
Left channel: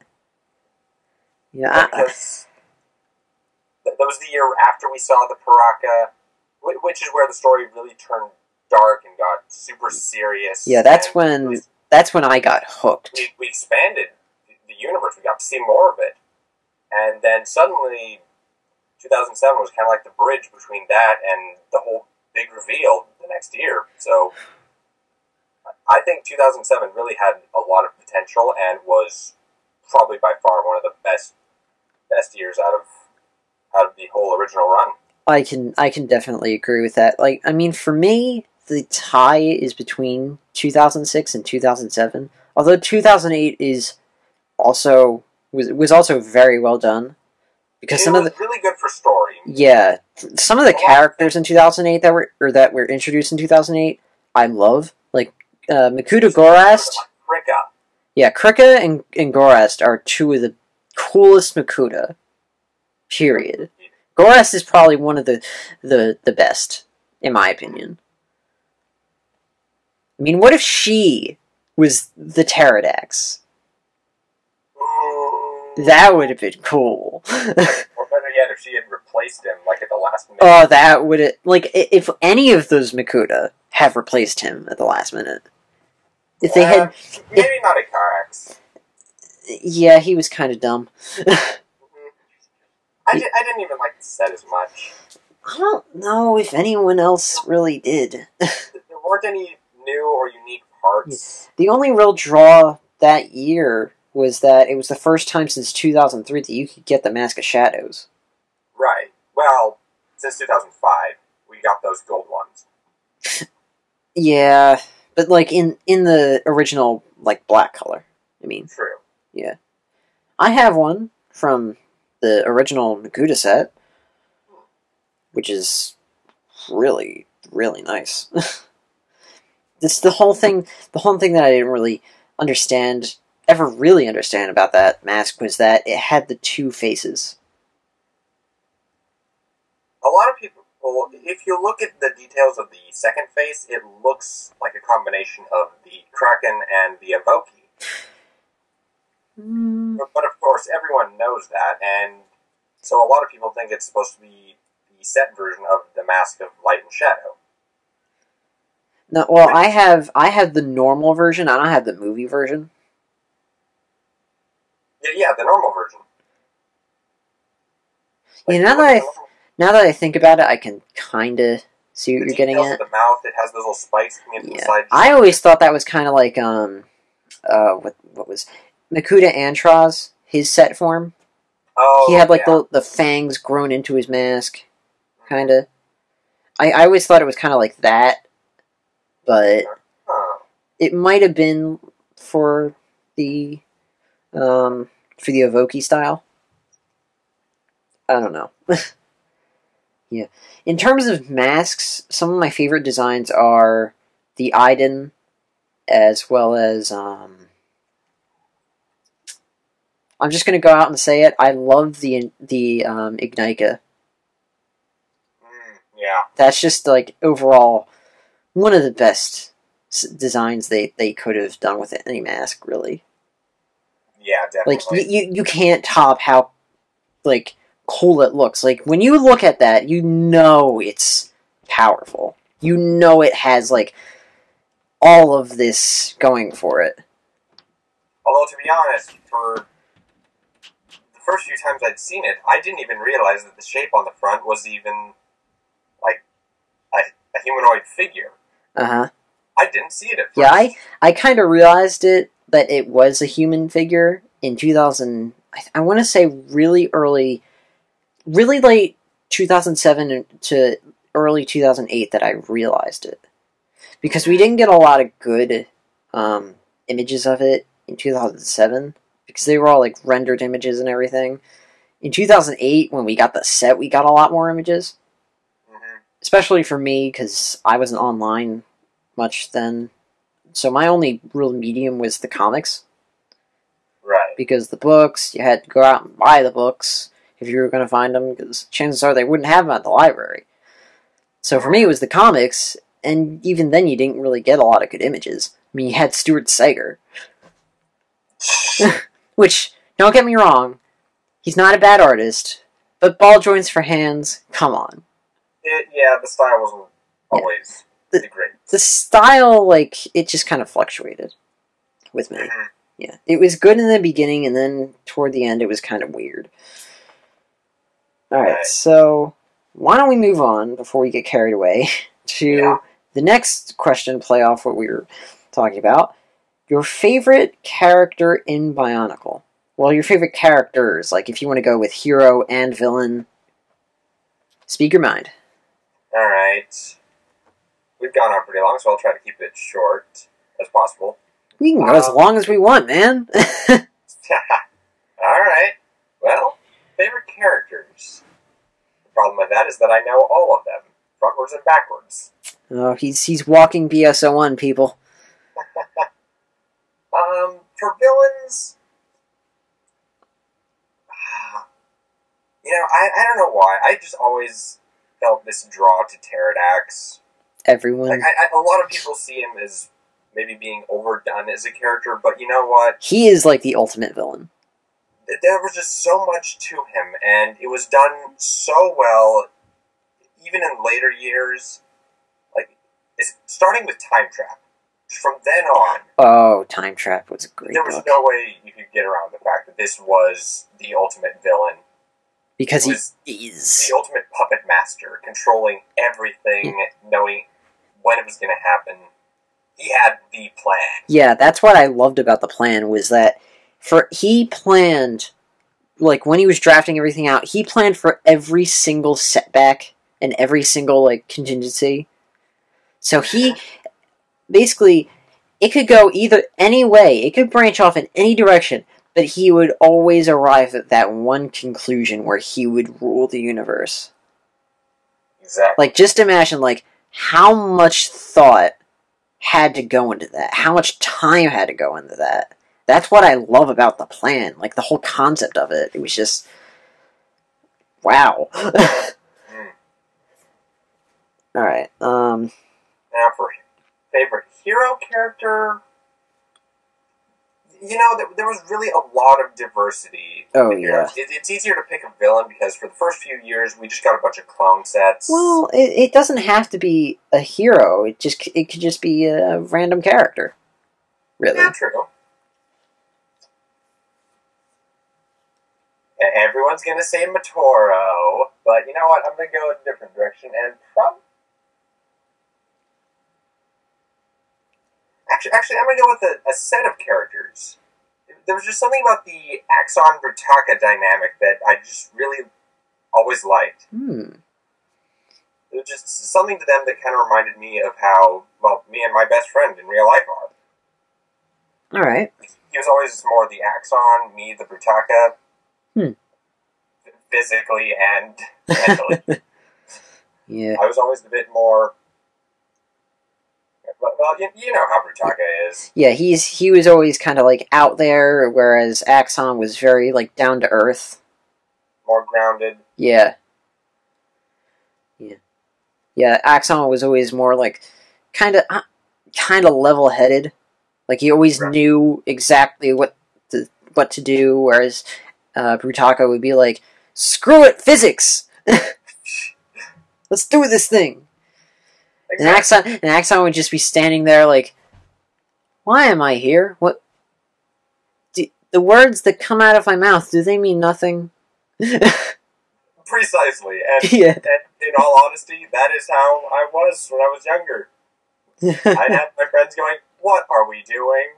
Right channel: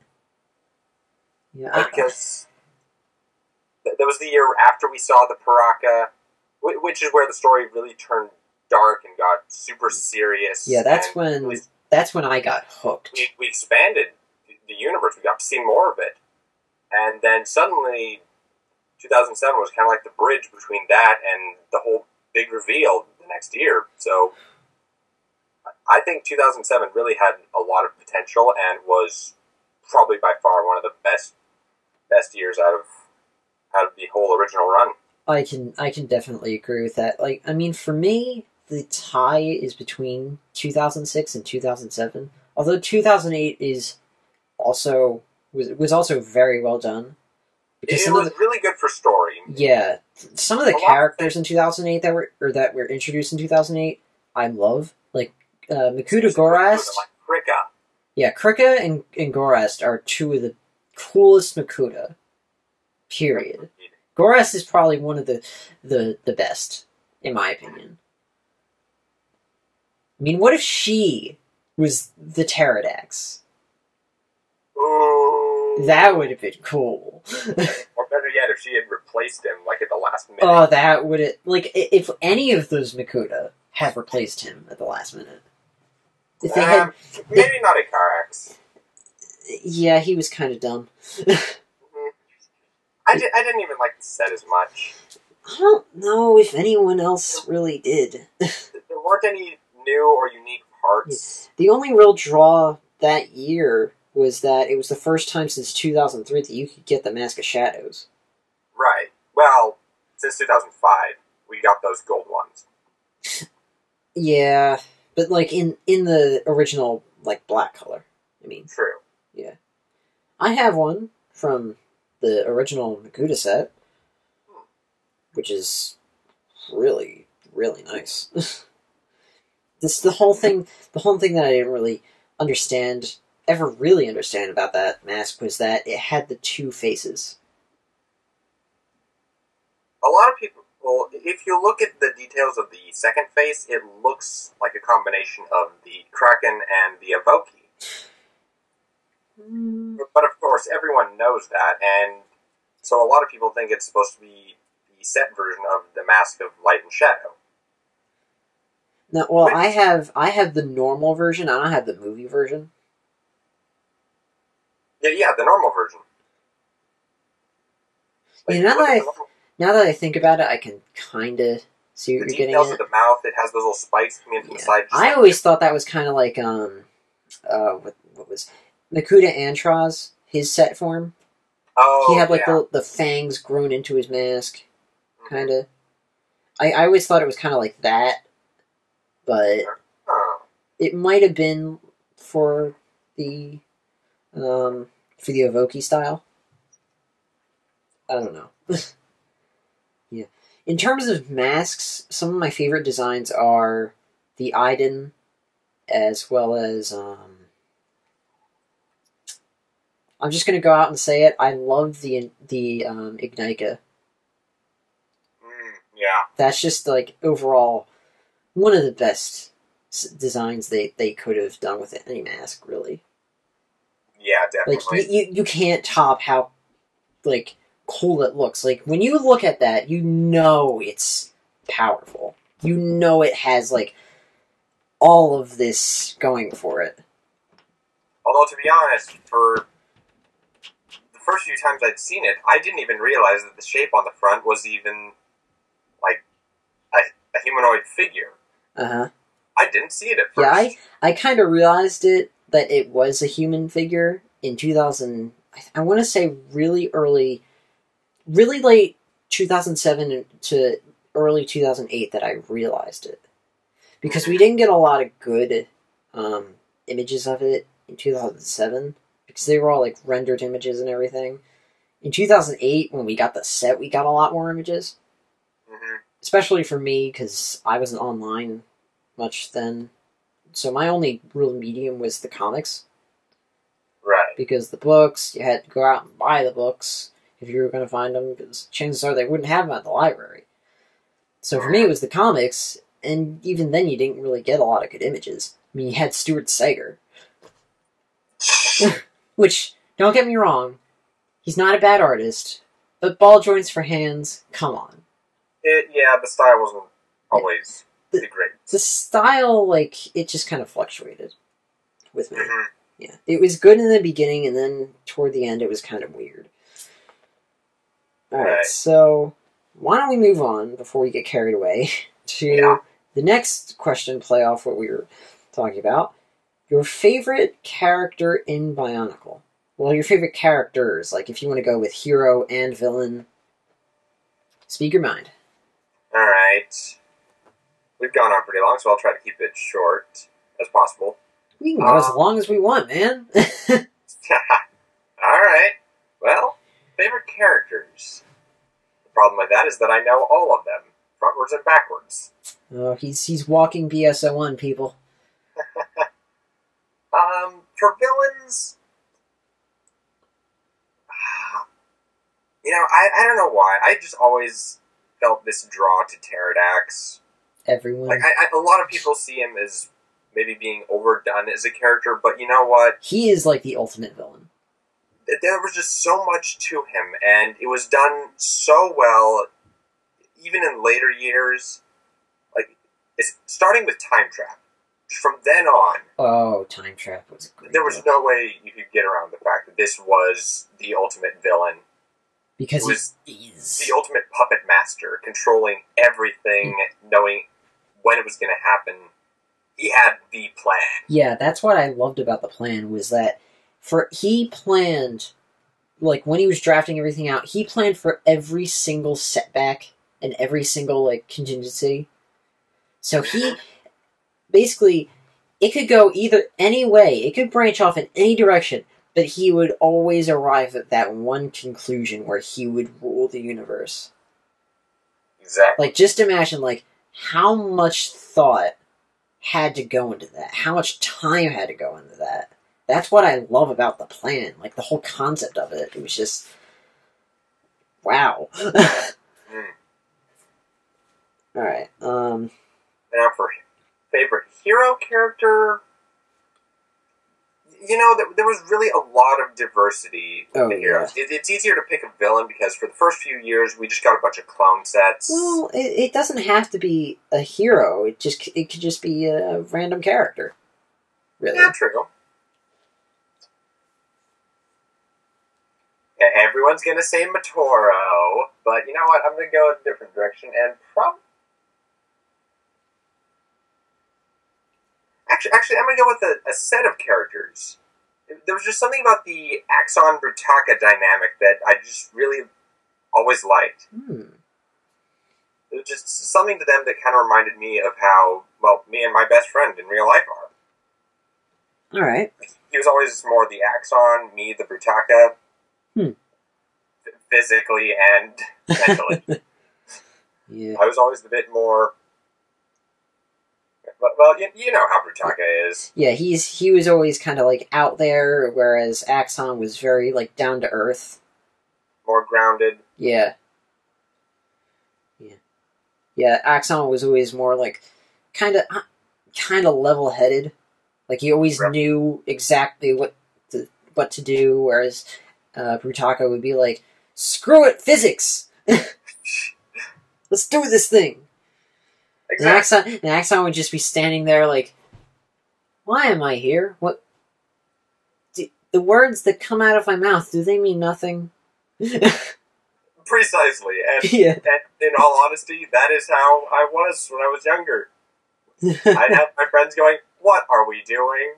Yeah, because that was the year after we saw the Paraka, which is where the story really turned dark and got super serious. Yeah, that's when I got hooked. We expanded the universe. We got to see more of it. And then suddenly, 2007 was kind of like the bridge between that and the whole big reveal the next year. So I think 2007 really had a lot of potential and was probably by far one of the best years out of the whole original run. I can definitely agree with that. Like, I mean, for me, the tie is between 2006 and 2007. Although 2008 was also very well done, because it was really good for story. Yeah, some of the characters in 2008 that were introduced in 2008, I love. Like Makuta Gorast. Like Krika. Yeah, Krika and Gorast are two of the coolest Makuta. Period. Gorast is probably one of the best, in my opinion. I mean, what if she was the Pterodax? That would have been cool. Or better yet, if she had replaced him, like at the last minute. Oh, that would have... Like, if any of those Makuta have replaced him at the last minute. If they had... Maybe not a Karax. Yeah, he was kind of dumb. I didn't even like the set as much. I don't know if anyone else really did. There weren't any new or unique parts. The only real draw that year was that it was the first time since 2003 that you could get the Mask of Shadows. Right. Well, since 2005, we got those gold ones. Yeah, but like in the original like black color. I mean, True. Yeah, I have one from the original Makuta set, which is really really nice. This the whole thing that I didn't really ever really understand about that mask was that it had the two faces. A lot of people, if you look at the details of the second face, it looks like a combination of the Kraken and the Evoki. But of course, everyone knows that, and so a lot of people think it's supposed to be the set version of the Mask of Light and Shadow. No, well, I have the normal version. I don't have the movie version. Yeah, the normal version. Yeah, now that I think about it, I can kind of see what you're getting at. The details of the mouth, it has those little spikes coming into the side. I always thought that was kind of like what was Makuta Antraz, his set form. Oh, he had like the fangs grown into his mask, kind of. I always thought it was kind of like that, but it might have been for the Evoki style. I don't know. Yeah. In terms of masks, some of my favorite designs are the Iden, as well as I'm just gonna go out and say it. I love the Ignika. Yeah. That's just like overall one of the best designs they could have done with any mask, really. Yeah, definitely. Like you can't top how like cool it looks. Like when you look at that, you know it's powerful. You know it has like all of this going for it. Although to be honest, for the first few times I'd seen it, I didn't even realize that the shape on the front was even like a humanoid figure. Uh-huh. I didn't see it at first. Yeah, I kind of realized that it was a human figure in 2000. I want to say really late 2007 to early 2008 that I realized it. Because we didn't get a lot of good images of it in 2007. Because they were all like rendered images and everything. In 2008, when we got the set, we got a lot more images. Mm-hmm. Especially for me, because I wasn't online much then. So my only real medium was the comics. Right. Because the books, you had to go out and buy the books if you were going to find them, because chances are they wouldn't have them at the library. So for me, it was the comics, and even then you didn't really get a lot of good images. I mean, you had Stuart Sager. Which, don't get me wrong, he's not a bad artist, but ball joints for hands, come on. The style wasn't always the greatest. The style, like, it just kind of fluctuated with me. Mm-hmm. Yeah, it was good in the beginning, and then toward the end it was kind of weird. Alright, so why don't we move on before we get carried away to the next question, play off what we were talking about. Your favorite character in Bionicle. Well, your favorite characters, like if you want to go with hero and villain. Speak your mind. Alright. We've gone on pretty long, so I'll try to keep it short as possible. We can go as long as we want, man. Alright. Well, favorite characters. The problem with that is that I know all of them, frontwards and backwards. Oh, he's walking BS01, people. For villains, I don't know why. I just always felt this draw to Pterodax. Everyone. Like, a lot of people see him as maybe being overdone as a character, but you know what? He is like the ultimate villain. There was just so much to him, and it was done so well, even in later years. Like, it's starting with Time Trap. From then on... Oh, Time Trap was a great There was book. no way you could get around the fact that this was the ultimate villain. Because he is. The ultimate puppet master, controlling everything, knowing when it was going to happen. He had the plan. Yeah, that's what I loved about the plan, was that he planned, like, when he was drafting everything out, he planned for every single setback and every single, like, contingency. So he, basically, it could go either any way, it could branch off in any direction, but he would always arrive at that one conclusion where he would rule the universe. Exactly. Like, just imagine, like, how much thought had to go into that. How much time had to go into that. That's what I love about the plan. Like, the whole concept of it. It was just... wow. Alright, Now for favorite hero character... You know, there was really a lot of diversity. Oh, yeah. It's easier to pick a villain because for the first few years, we just got a bunch of clone sets. Well, it doesn't have to be a hero. It could just be a random character. Really. Yeah, true. And everyone's going to say Matoro, but you know what? I'm going to go in a different direction and probably... Actually, I'm going to go with a set of characters. There was just something about the Axon Brutaka dynamic that I just really always liked. It was just something to them that kind of reminded me of how, well, me and my best friend in real life are. Alright. He was always more the Axon, me the Brutaka. Physically and mentally. Yeah. I was always a bit more... Well, you know how Brutaka is. Yeah, he was always kind of, like, out there, whereas Axon was very, like, down to earth. More grounded. Yeah. Yeah, Axon was always more, like, kind of level-headed. Like, he always knew exactly what to do, whereas Brutaka would be like, screw it, physics! Let's do this thing! Exactly. And Axon would just be standing there like, why am I here? What? The words that come out of my mouth, do they mean nothing? Precisely. And, yeah. And in all honesty, that is how I was when I was younger. I'd have my friends going, what are we doing?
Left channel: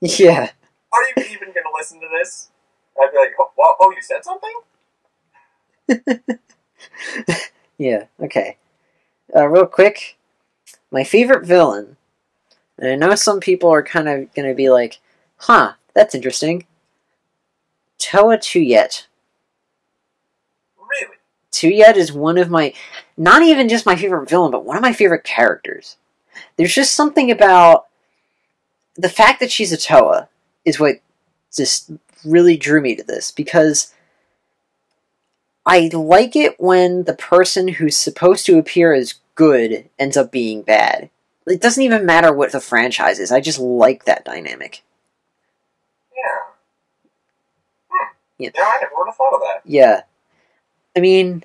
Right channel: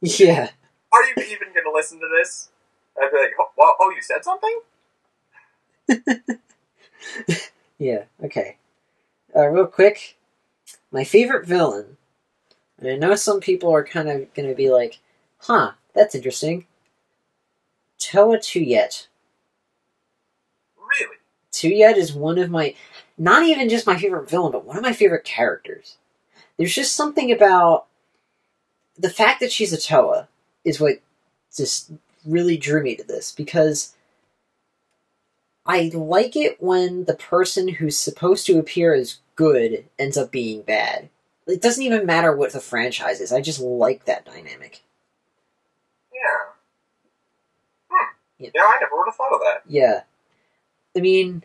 Yeah. Are you even going to listen to this? I'd be like, oh, you said something? Yeah, okay. Real quick, my favorite villain, and I know some people are kind of going to be like, huh, that's interesting. Toa Tuyet. Really? Tuyet is one of my, not even just my favorite villain, but one of my favorite characters. There's just something about the fact that she's a Toa is what just really drew me to this, because I like it when the person who's supposed to appear as good ends up being bad. It doesn't even matter what the franchise is. I just like that dynamic. Yeah. Yeah. Yeah, I never would have thought of that. Yeah. I mean,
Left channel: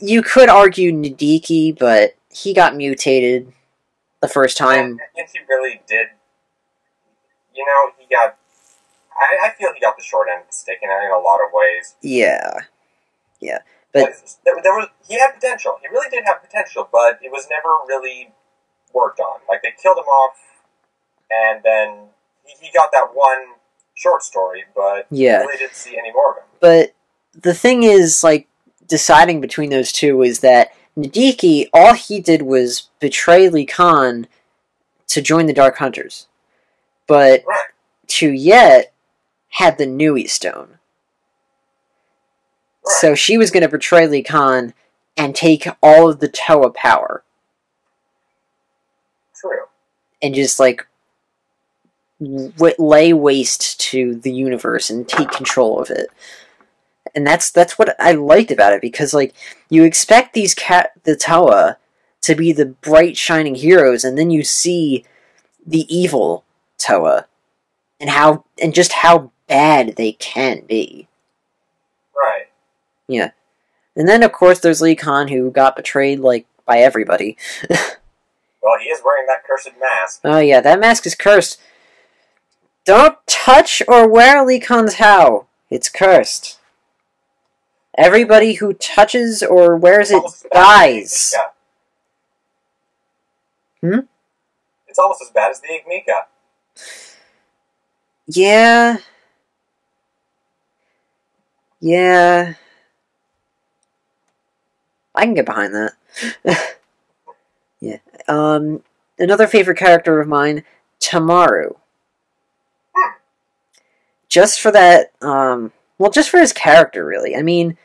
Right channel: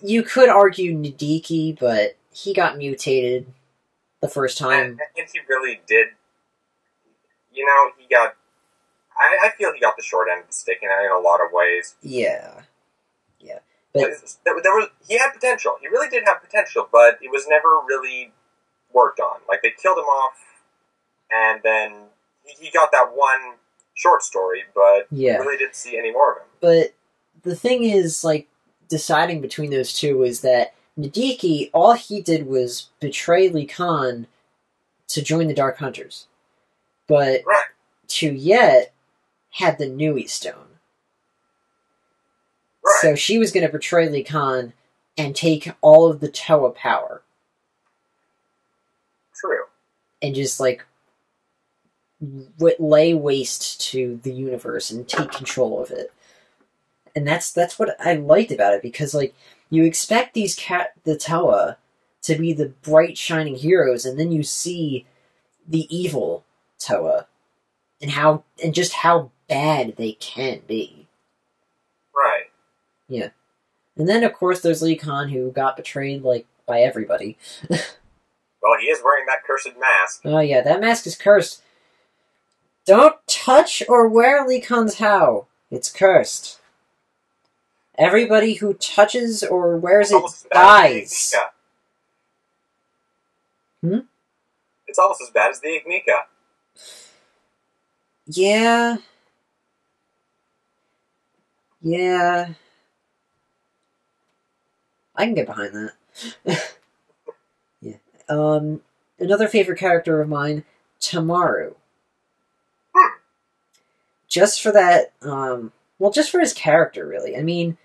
you could argue Nadiki, but he got mutated the first time. And he really did. You know, he got... I feel he got the short end of the stick in a lot of ways. Yeah. Yeah. But he had potential. He really did have potential, but it was never really worked on. Like, they killed him off, and then he got that one short story, but you really didn't see any more of him. But the thing is, like, deciding between those two is that Nadiki, all he did was betray Lee Khan to join the Dark Hunters. But Tuyet had the Nui Stone. So she was going to betray Lee Khan and take all of the Toa power. True. And just, like, lay waste to the universe and take control of it. And that's what I liked about it, because, like, you expect the Toa to be the bright, shining heroes, and then you see the evil Toa and just how bad they can be. Right. Yeah. And then, of course, there's Lee Khan, who got betrayed, like, by everybody. Well, he is wearing that cursed mask. Oh, yeah, that mask is cursed. Don't touch or wear Lee Khan's How. It's cursed. Everybody who touches or wears it dies. It's almost as bad as the Ignika. Yeah. Yeah. I can get behind that. Yeah. Another favorite character of mine, Tamaru. Just for that, well, just for his character, really. I mean,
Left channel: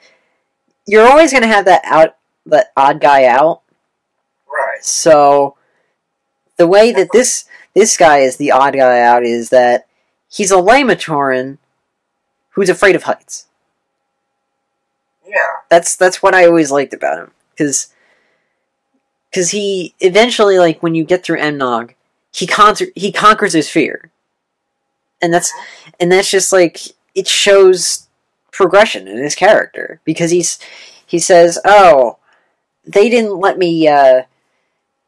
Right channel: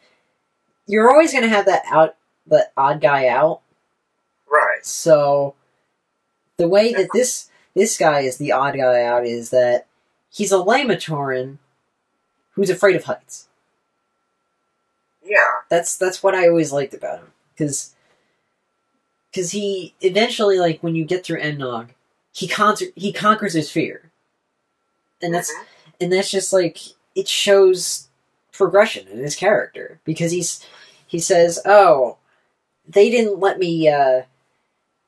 you're always going to have that odd guy out. Right. So, the way that this guy is the odd guy out is that he's a Lamatoran who's afraid of heights. Yeah. That's what I always liked about him. Because he eventually, like, when you get through Emnog, he conquers his fear. And that's just, like, it shows progression in his character. Because he says, oh, they didn't let me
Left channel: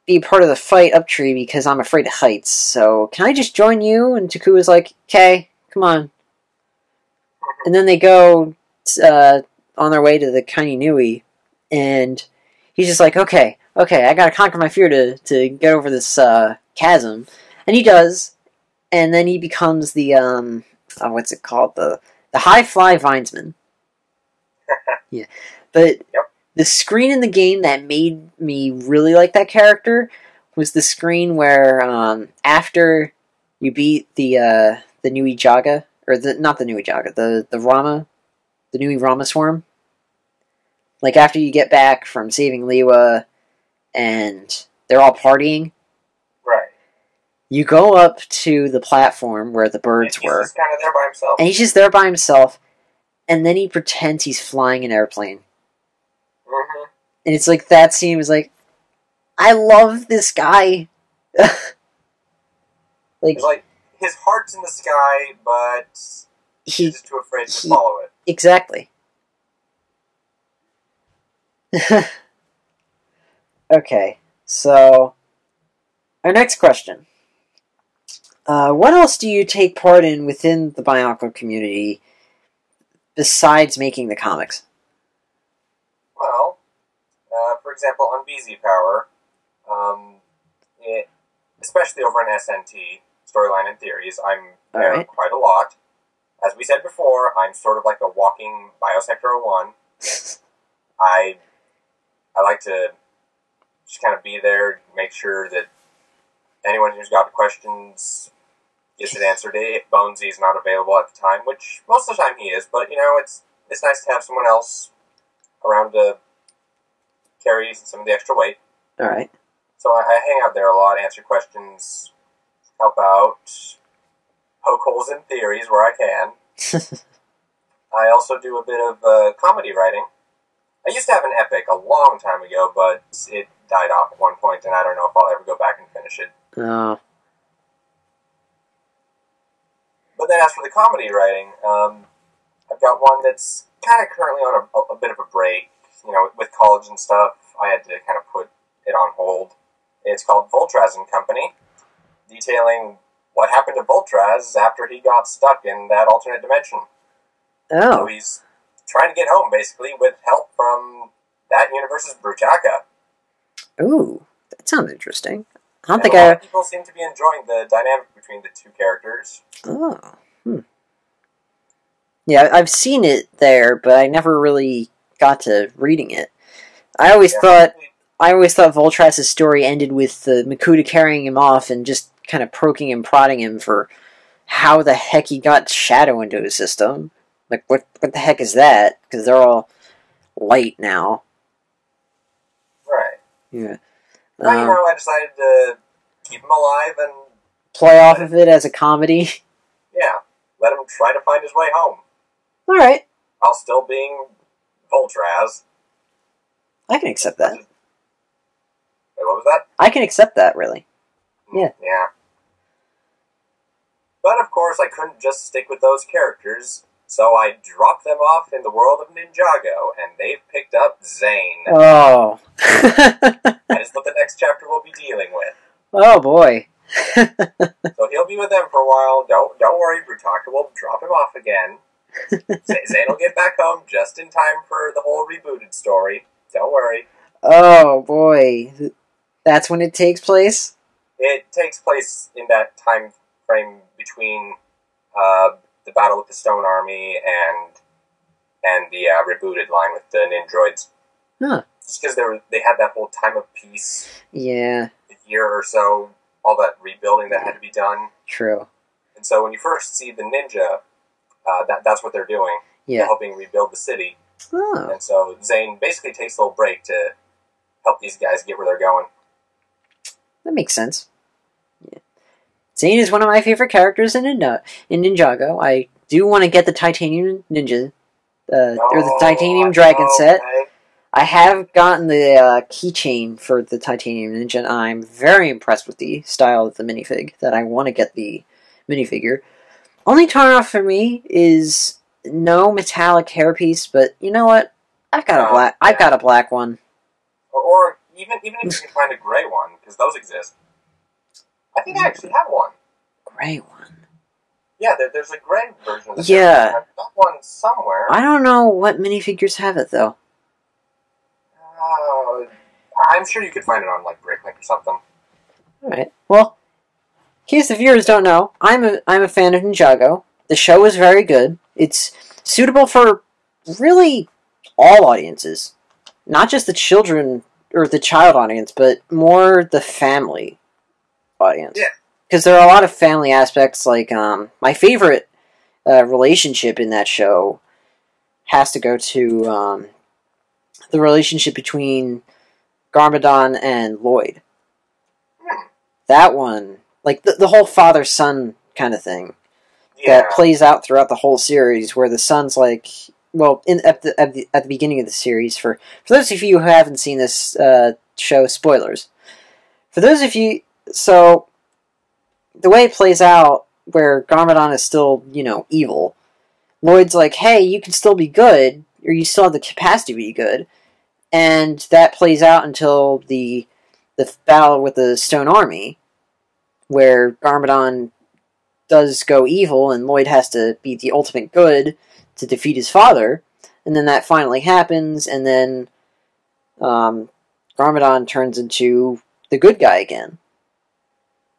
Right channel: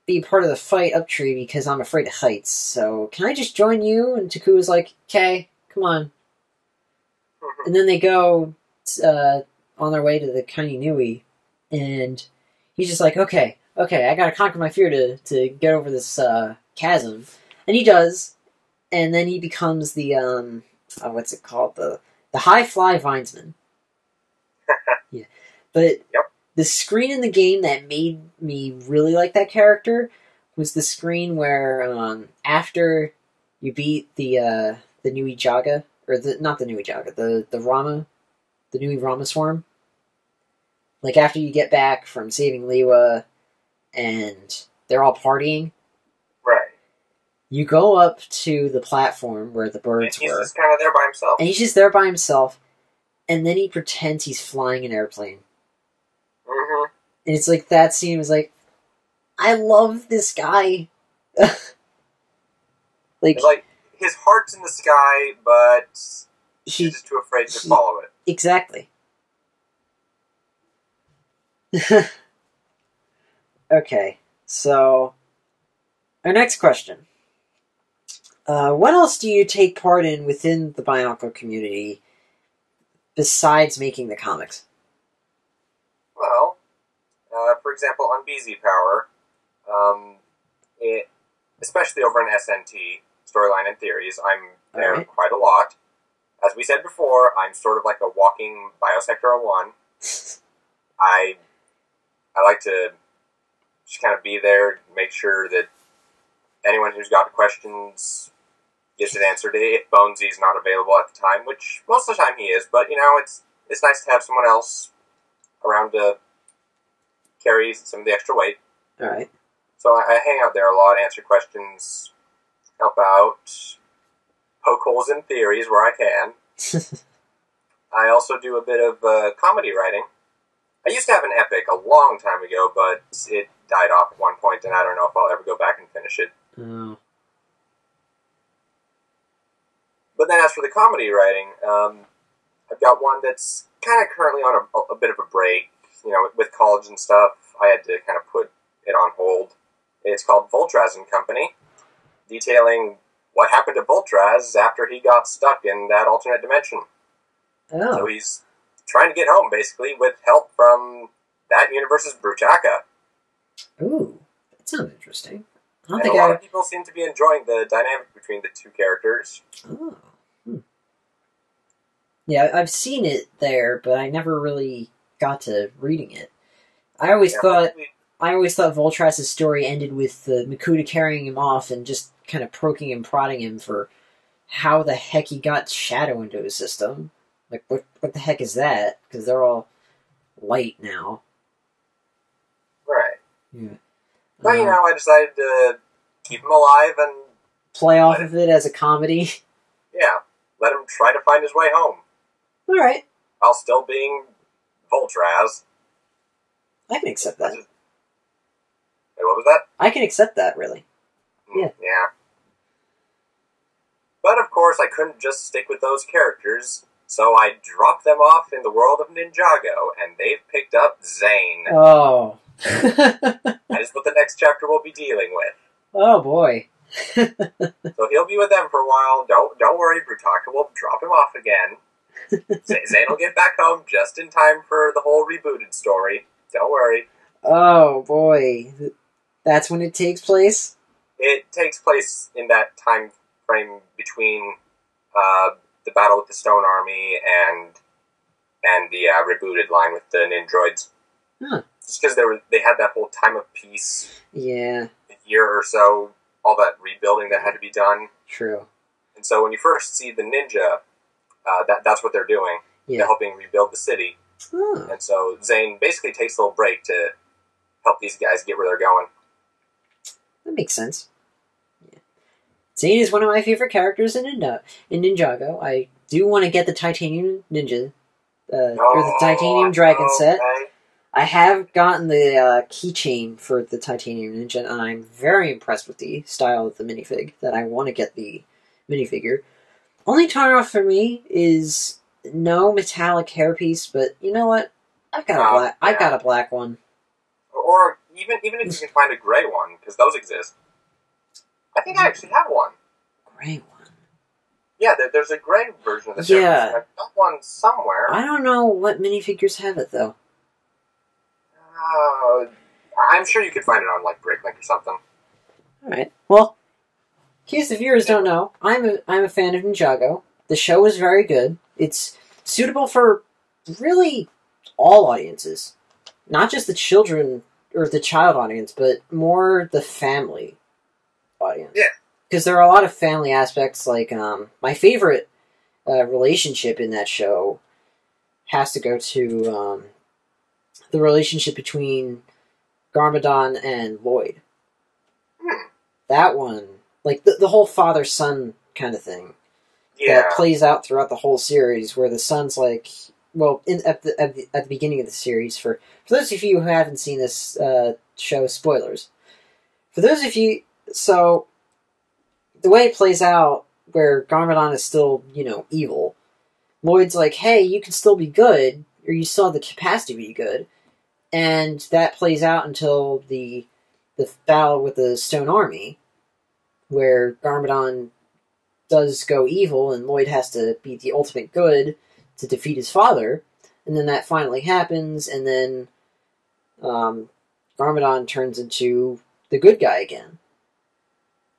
be part of the fight up tree because I'm afraid of heights. So can I just join you? And Takua's like, okay, come on. And then they go on their way to the Kainui, and he's just like, okay, I gotta conquer my fear to get over this chasm. And he does, and then he becomes the, what's it called? The High Fly Vinesman. Yeah. But yep. The screen in the game that made me really like that character was the screen where after you beat the Nui Jaga, or not the Nui Jaga, the Nui Rama Swarm. Like after you get back from saving Liwa and they're all partying. Right. You go up to the platform where the birds were. He's just kind of there by himself. And he's just there by himself, and then he pretends he's flying an airplane. Mm-hmm. And it's like, that scene was like, I love this guy. like his heart's in the sky, but he's just too afraid to follow it. Exactly. Okay, so our next question. What else do you take part in within the Bionicle community besides making the comics? Well, for example, on BZ Power, especially over in SNT, Storyline and Theories, I'm there quite a lot. As we said before, I'm sort of like a walking Biosector 01. I like to just kind of be there, make sure that anyone who's got questions gets it answered. If Bonesy's not available at the time, which most of the time he is, but it's nice to have someone else around to carry some of the extra weight. All right. So I hang out there a lot, answer questions, help out, poke holes in theories where I can. I also do a bit of comedy writing. I used to have an epic a long time ago, but it died off at one point, and I don't know if I'll ever go back and finish it. Oh. But then as for the comedy writing, I've got one that's kind of currently on a bit of a break. With college and stuff, I had to kind of put it on hold. It's called Voltraz and Company, detailing what happened to Voltraz after he got stuck in that alternate dimension. Oh. So he's trying to get home, basically, with help from that universe's Bruchaka. Ooh, that sounds interesting. I don't think a lot of people seem to be enjoying the dynamic between the two characters. Oh. Yeah, I've seen it there, but I never really got to reading it. I always thought Voltraz's story ended with the Makuta carrying him off and just kind of poking and prodding him for how the heck he got Shadow into his system. Like, what the heck is that? Because they're all light now. Right. Yeah. Well, I decided to keep him alive and play off of it as a comedy. Yeah. Let him try to find his way home. Alright. While still being Voltraz. I can accept that. Wait, what was that? I can accept that, really. Yeah. Yeah. But, of course, I couldn't just stick with those characters, so I dropped them off in the world of Ninjago, and they've picked up Zane. Oh. That is what the next chapter will be dealing with. Oh, boy. So he'll be with them for a while. Don't worry, Brutaka will drop him off again. Zane will get back home just in time for the whole rebooted story. Don't worry. Oh, boy. That's when it takes place? It takes place in that time frame between the Battle with the Stone Army and the rebooted line with the Ninjroids. Huh. Just because they had that whole time of peace. Yeah. A year or so, all that rebuilding that had to be done. True. And so when you first see the ninja, that's what they're doing. Yeah. They're helping rebuild the city. Oh. And so Zane basically takes a little break to help these guys get where they're going. That makes sense. Yeah. Zane is one of my favorite characters in Ninjago. I do want to get the Titanium Ninja, or the Titanium Dragon set. I have gotten the keychain for the Titanium Ninja, and I'm very impressed with the style of the minifig, that I want to get the minifigure. Only turn-off for me is no metallic hairpiece, but you know what? I've got a black one. Or even if you can find a gray one, because those exist. I think I actually have one. Gray one? Yeah, there's a gray version of this. Yeah. I've got one somewhere. I don't know what minifigures have it, though. I'm sure you could find it on, like, Bricklink or something. Alright. Well, in case the viewers don't know, I'm a fan of Ninjago. The show is very good. It's suitable for really all audiences. Not just the children, or the child audience, but more the family audience. Yeah. Because there are a lot of family aspects, like, my favorite relationship in that show has to go to, the relationship between Garmadon and Lloyd. That one, like, the whole father-son kind of thing, that plays out throughout the whole series, where the son's like, well, at the beginning of the series, for those of you who haven't seen this show, spoilers. For those of you, so, the way it plays out, where Garmadon is still, evil, Lloyd's like, hey, you can still be good, or you still have the capacity to be good, and that plays out until the battle with the Stone Army, where Garmadon does go evil, and Lloyd has to be the ultimate good to defeat his father, and then that finally happens, and then Garmadon turns into the good guy again,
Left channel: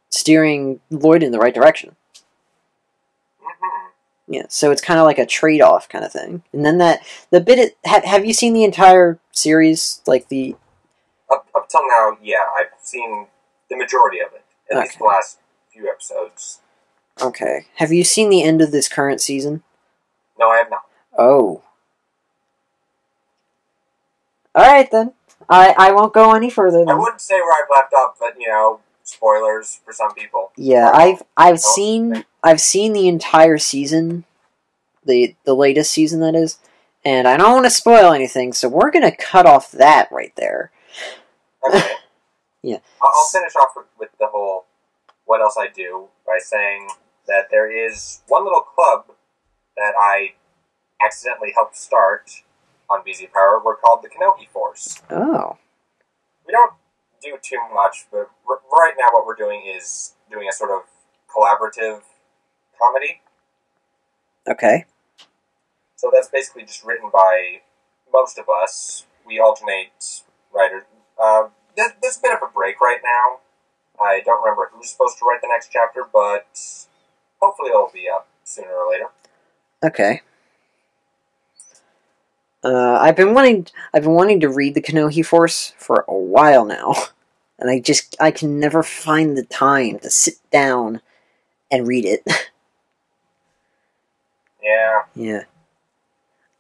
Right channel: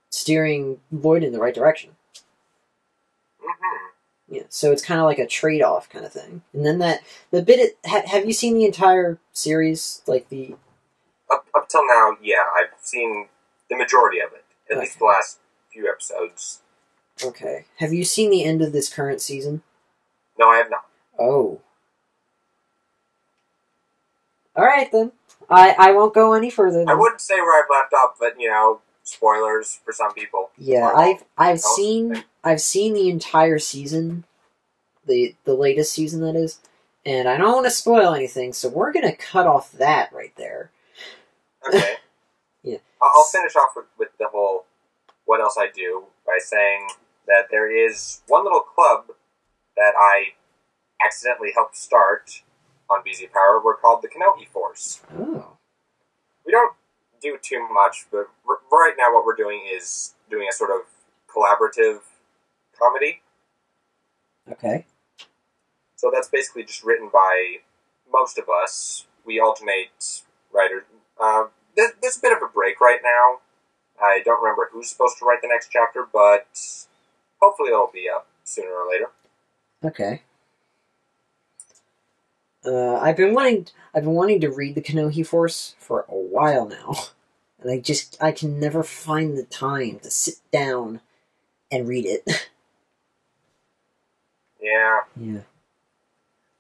steering Lloyd in the right direction. Yeah, so it's kind of like a trade-off kind of thing. And then have you seen the entire series? Like the... Up till now, yeah, I've seen the majority of it. At least the last few episodes. Okay. Have you seen the end of this current season? No, I have not. Oh. Alright then. I won't go any further then. I wouldn't say where I've left off, but, spoilers for some people. Yeah, I've seen the entire season, the latest season that is, and I don't want to spoil anything, so we're gonna cut off that right there. Okay. Yeah. I'll finish off with the whole what else I do by saying that there is one little club that I accidentally helped start on BZ Power. We're called the Kanohi Force. Oh. We don't do too much, but right now what we're doing is doing a sort of collaborative comedy. Okay. So that's basically just written by most of us. We alternate writers. There's a bit of a break right now. I don't remember who's supposed to write the next chapter, but hopefully it'll be up sooner or later. Okay. I've been wanting to read the Kanohi Force for a while now, and I can never find the time to sit down and read it. Yeah. Yeah.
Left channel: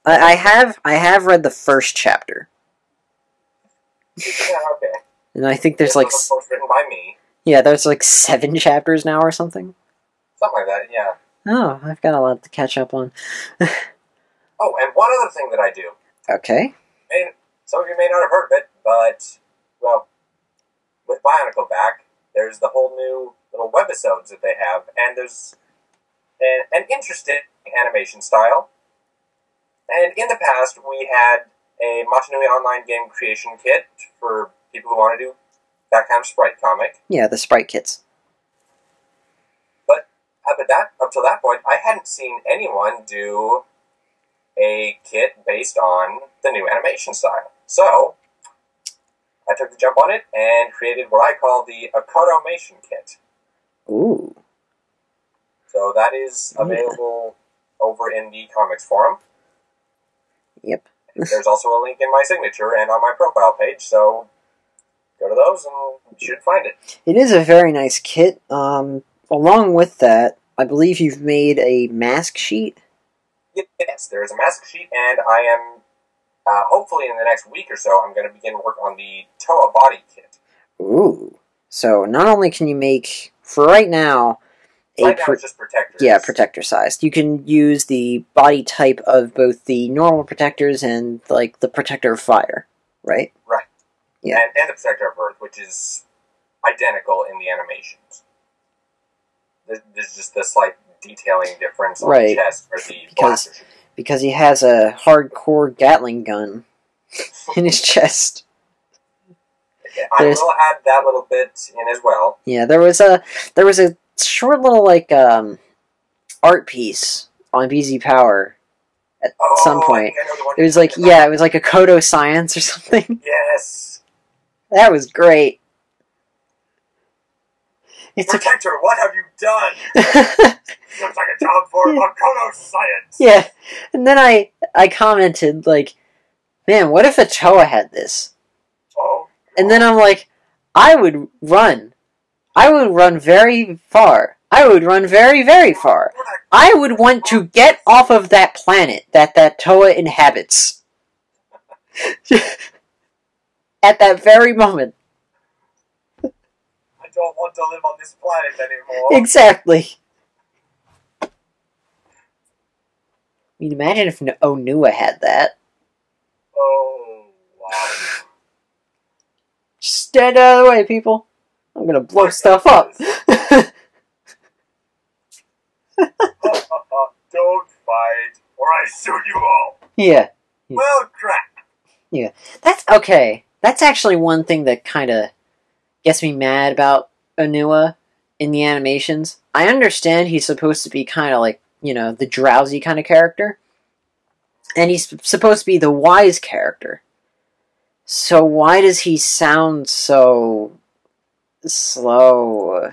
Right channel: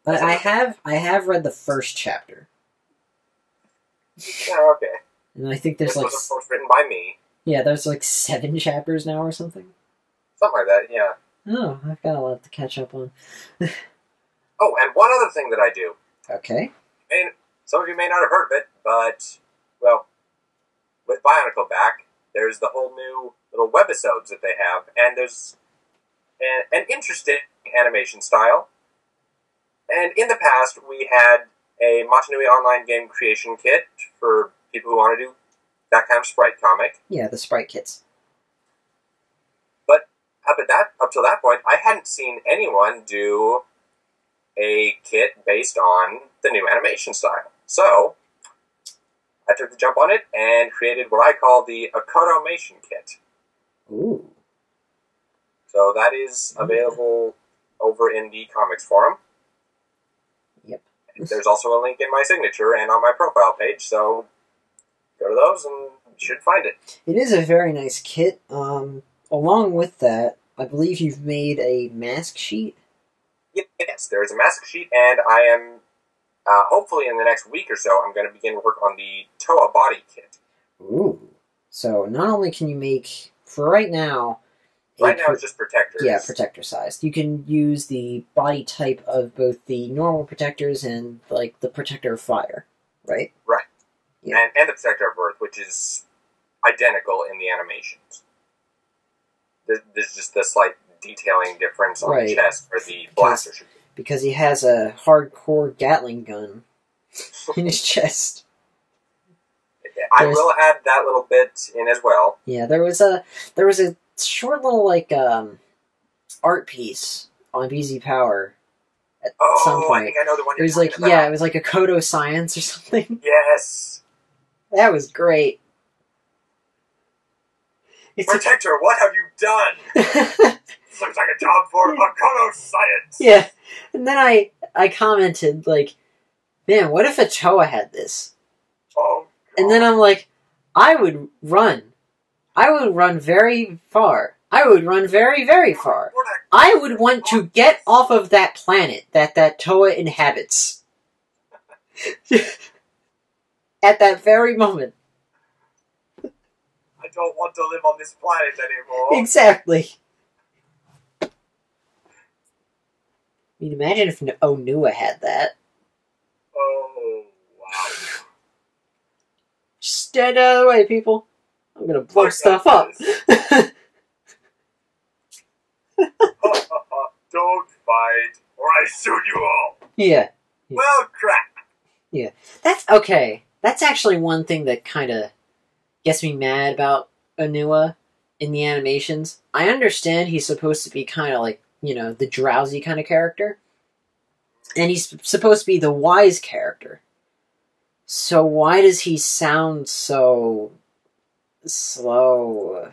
I have read the first chapter. Yeah, okay. And I think there's this was, of course, written by me. Yeah, there's 7 chapters now or something. Something like that, yeah. Oh, I've got a lot to catch up on. Oh, and one other thing that I do. Okay. And some of you may not have heard of it, but, well, with Bionicle back, there's the whole new little webisodes that they have, and there's an interesting animation style. And in the past, we had a Machinui online game creation kit for people who want to do that kind of sprite comic. Yeah, the sprite kits. But up till that point, I hadn't seen anyone do a kit based on the new animation style. So, I took the jump on it and created what I call the Akotomation kit. Ooh. So that is available over in the comics forum. Yep. There's also a link in my signature and on my profile page, so go to those and you should find it. It is a very nice kit. Along with that, I believe you've made a mask sheet? Yes, there is a mask sheet, and I am, hopefully in the next week or so, I'm going to begin work on the Toa body kit. Ooh. So not only can you make, for right now... Right now it's just protectors. Yeah, protector sized. You can use the body type of both the normal protectors and, like, the protector of fire, right? Right. Yeah. And the protector of earth, which is identical in the animations. There's just the slight detailing difference on the chest for the blaster. Because he has a hardcore Gatling gun in his chest. I will add that little bit in as well. Yeah, there was a short little, like, art piece on BZ Power at some point. I think I know the one it was like, it was like a Kodo Science or something. Yes. That was great. Protector, what have you done? Looks like a job for Kodo Science. Yeah, and then I commented, like, man, what if a Toa had this? Oh. And then I'm like, I would run. I would run very far. I would run very, very far. I would want to get off of that planet that Toa inhabits. At that very moment. I don't want to live on this planet anymore. Exactly. I mean, imagine if Onua had that. Oh, wow. Just stand out of the way, people. I'm gonna blow stuff up. Don't fight, or I shoot you all. Yeah. Well, crap. Yeah. That's okay. That's actually one thing that kind of gets me mad about Onua in the animations. I understand he's supposed to be kind of like, the drowsy kind of character. And he's supposed to be the wise character. So why does he sound so slow?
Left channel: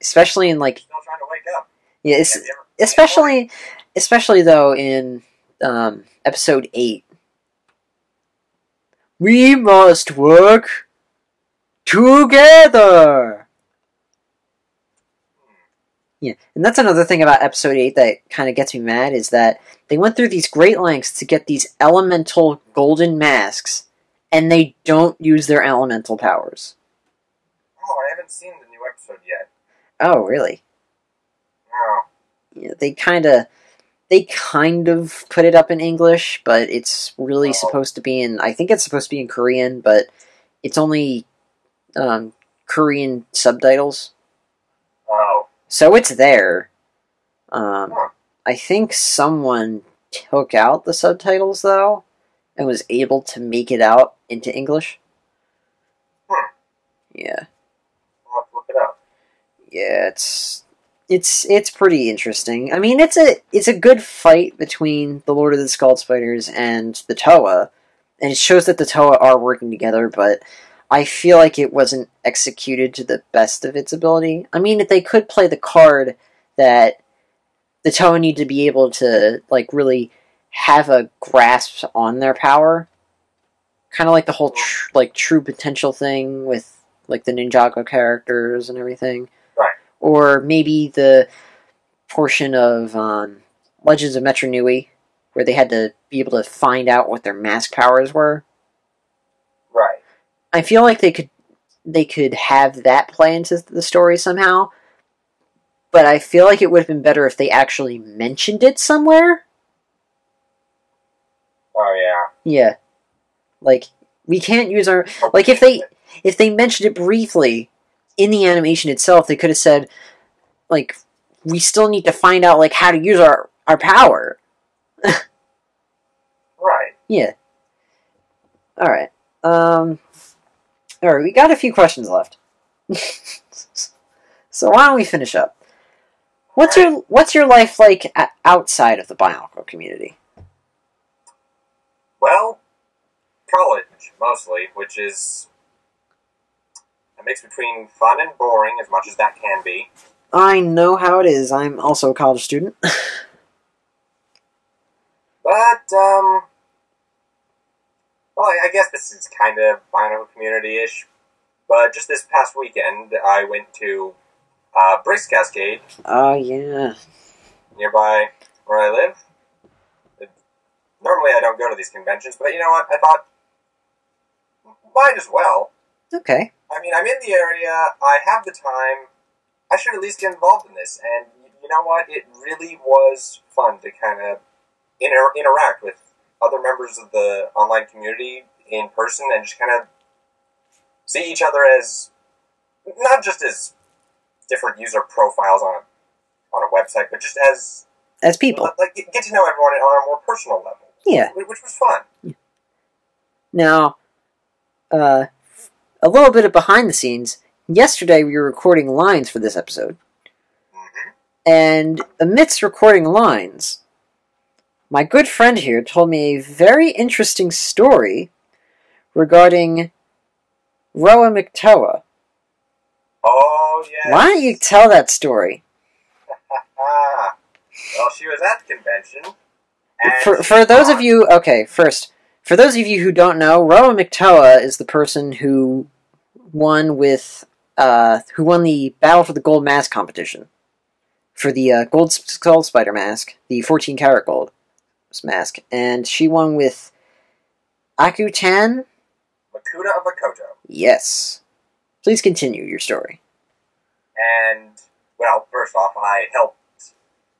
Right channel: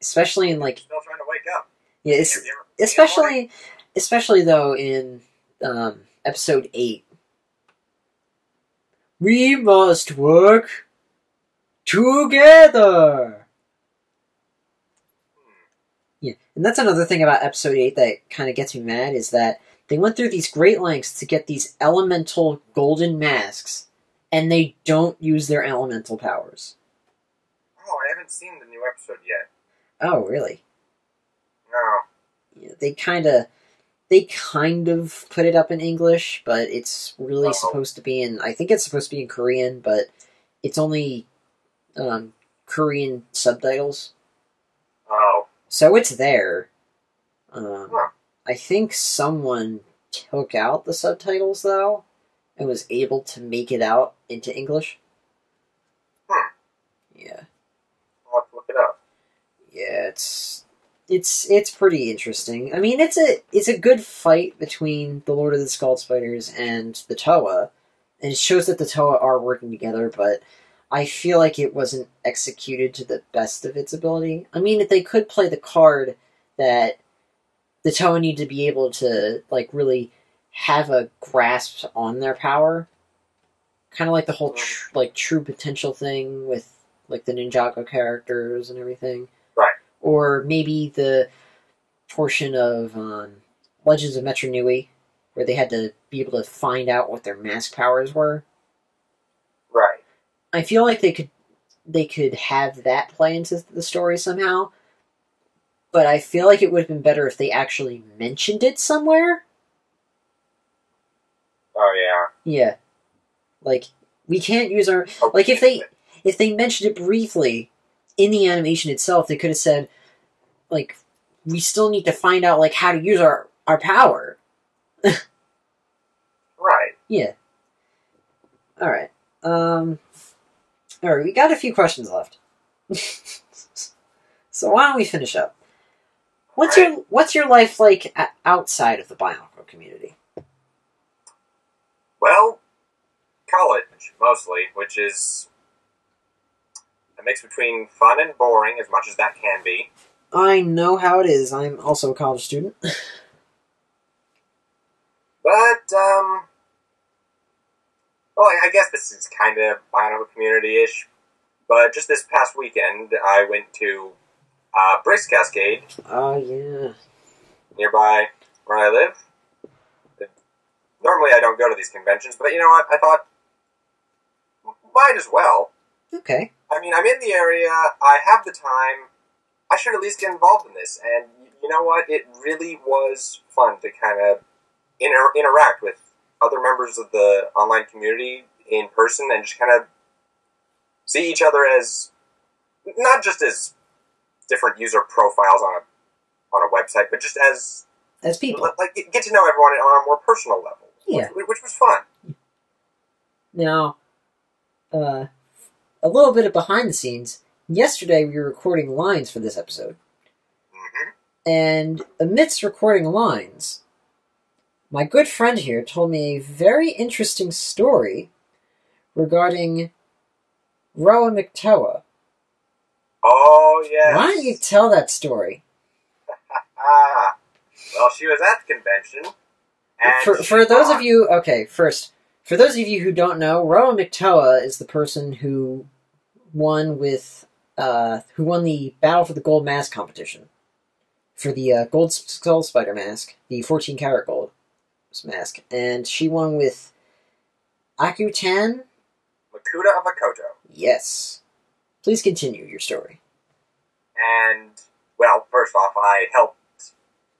Especially in, like... Still trying to wake up. Yeah, especially though in episode 8. We must work together! Yeah, and that's another thing about episode 8 that kind of gets me mad, is that they went through these great lengths to get these elemental golden masks, and they don't use their elemental powers. Oh, I haven't seen the new episode yet. Oh, really? No. Yeah, they kind of put it up in English, but it's really supposed to be in... I think it's supposed to be in Korean, but it's only Korean subtitles. Oh. So it's there. I think someone took out the subtitles, though, and was able to make it out into English. Yeah. I'll have to look it up. Yeah, it's pretty interesting. I mean, it's a good fight between the Lord of the Skull Spiders and the Toa, and it shows that the Toa are working together, but I feel like it wasn't executed to the best of its ability. I mean, if they could play the card that the Toa need to be able to, like, really have a grasp on their power, kind of like the whole true potential thing with, like, the Ninjago characters and everything. Right. Or maybe the portion of Legends of Metro Nui, where they had to be able to find out what their mask powers were. Right. I feel like they could have that play into the story somehow, but I feel like it would have been better if they actually mentioned it somewhere. Oh, yeah. Yeah. Like, we can't use our... Like, if they mentioned it briefly in the animation itself, they could have said, like, we still need to find out, like, how to use our power. Right. Yeah. Alright. Alright, we got a few questions left. So why don't we finish up? What's your life like outside of the Bionicle community? Well, college, mostly, which is A mix between fun and boring, as much as that can be. I know how it is. I'm also a college student. But, well, I guess this is kind of Bionicle community-ish. But just this past weekend, I went to Bricks Cascade. Oh, yeah. Nearby where I live. Normally I don't go to these conventions, but you know what? I thought, might as well. Okay. I mean, I'm in the area, I have the time, I should at least get involved in this. And you know what? It really was fun to kind of interact with other members of the online community in person and just kind of see each other as, not just as different user profiles on a website, but just as people. Like, get to know everyone on a more personal level. Yeah. Which was fun. Now, a little bit of behind the scenes. Yesterday we were recording lines for this episode. Mm-hmm. And amidst recording lines, my good friend here told me a very interesting story regarding Roa McToa. Oh, yeah. Why don't you tell that story? Well, she was at the convention. And For those of you... Okay, first, for those of you who don't know, Roa McToa is the person who won with... who won the Battle for the Gold Mask competition. For the Gold Skull Spider mask. The 14 karat gold mask. And she won with Akutan? Makuta of Makoto. Yes. Please continue your story. And, well, first off, I helped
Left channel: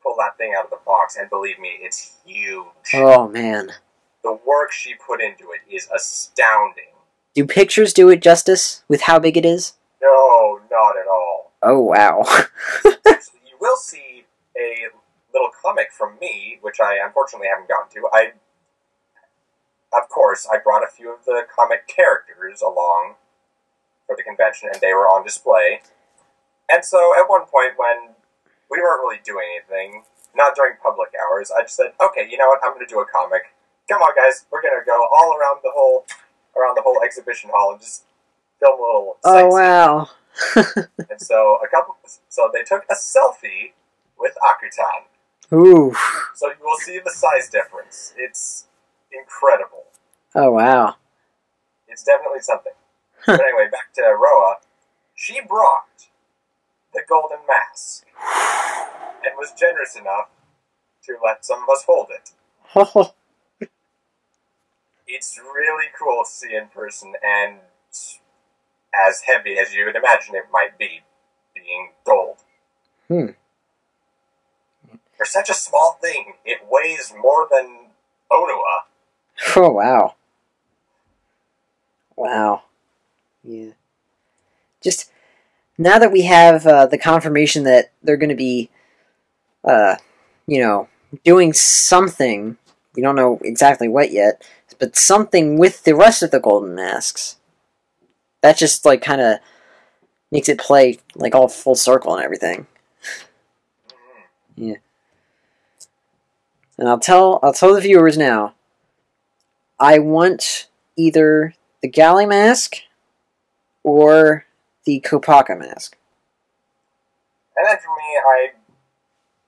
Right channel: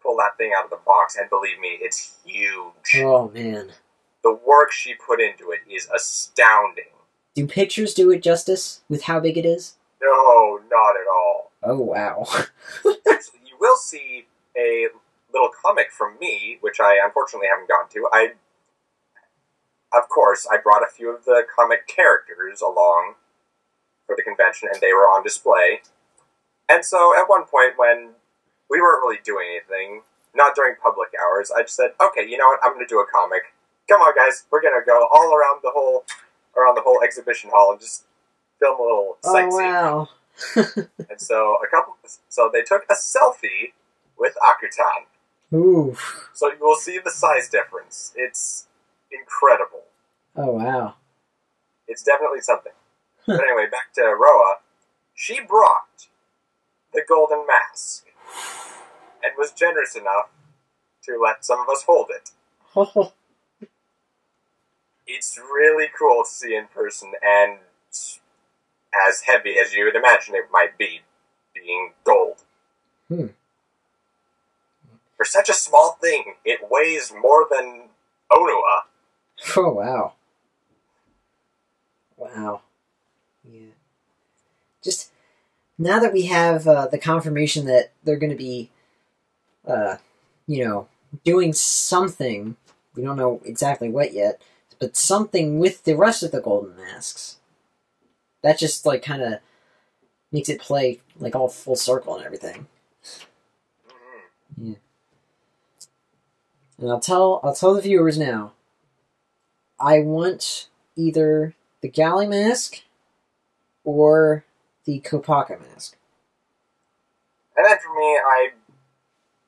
pull that thing out of the box, and believe me, it's huge. Oh, man. The work she put into it is astounding. Do pictures do it justice with how big it is? No, not at all. Oh, wow. Actually, you will see a little comic from me, which I unfortunately haven't gotten to. Of course, I brought a few of the comic characters along for the convention, and they were on display. And so, at one point, when we weren't really doing anything, not during public hours, I just said, okay, you know what, I'm going to do a comic. Come on, guys, we're going to go all around the whole exhibition hall and just film a little sightseeing. Oh, wow. And so, they took a selfie with Akutan. Ooh. So you will see the size difference. It's incredible. Oh, wow. It's definitely something. But anyway, back to Roa. She brought the golden mask and was generous enough to let some of us hold it. It's really cool to see in person, and as heavy as you would imagine it might be, being gold. For such a small thing, it weighs more than Onua. Oh, wow. Wow. Yeah. Just, now that we have the confirmation that they're going to be, doing something, we don't know exactly what yet, but something with the rest of the golden masks, that just, like, kind of makes it play, like, all full circle and everything. Yeah. And I'll tell the viewers now, I want either the Galley mask or the Kopaka mask. And then for me,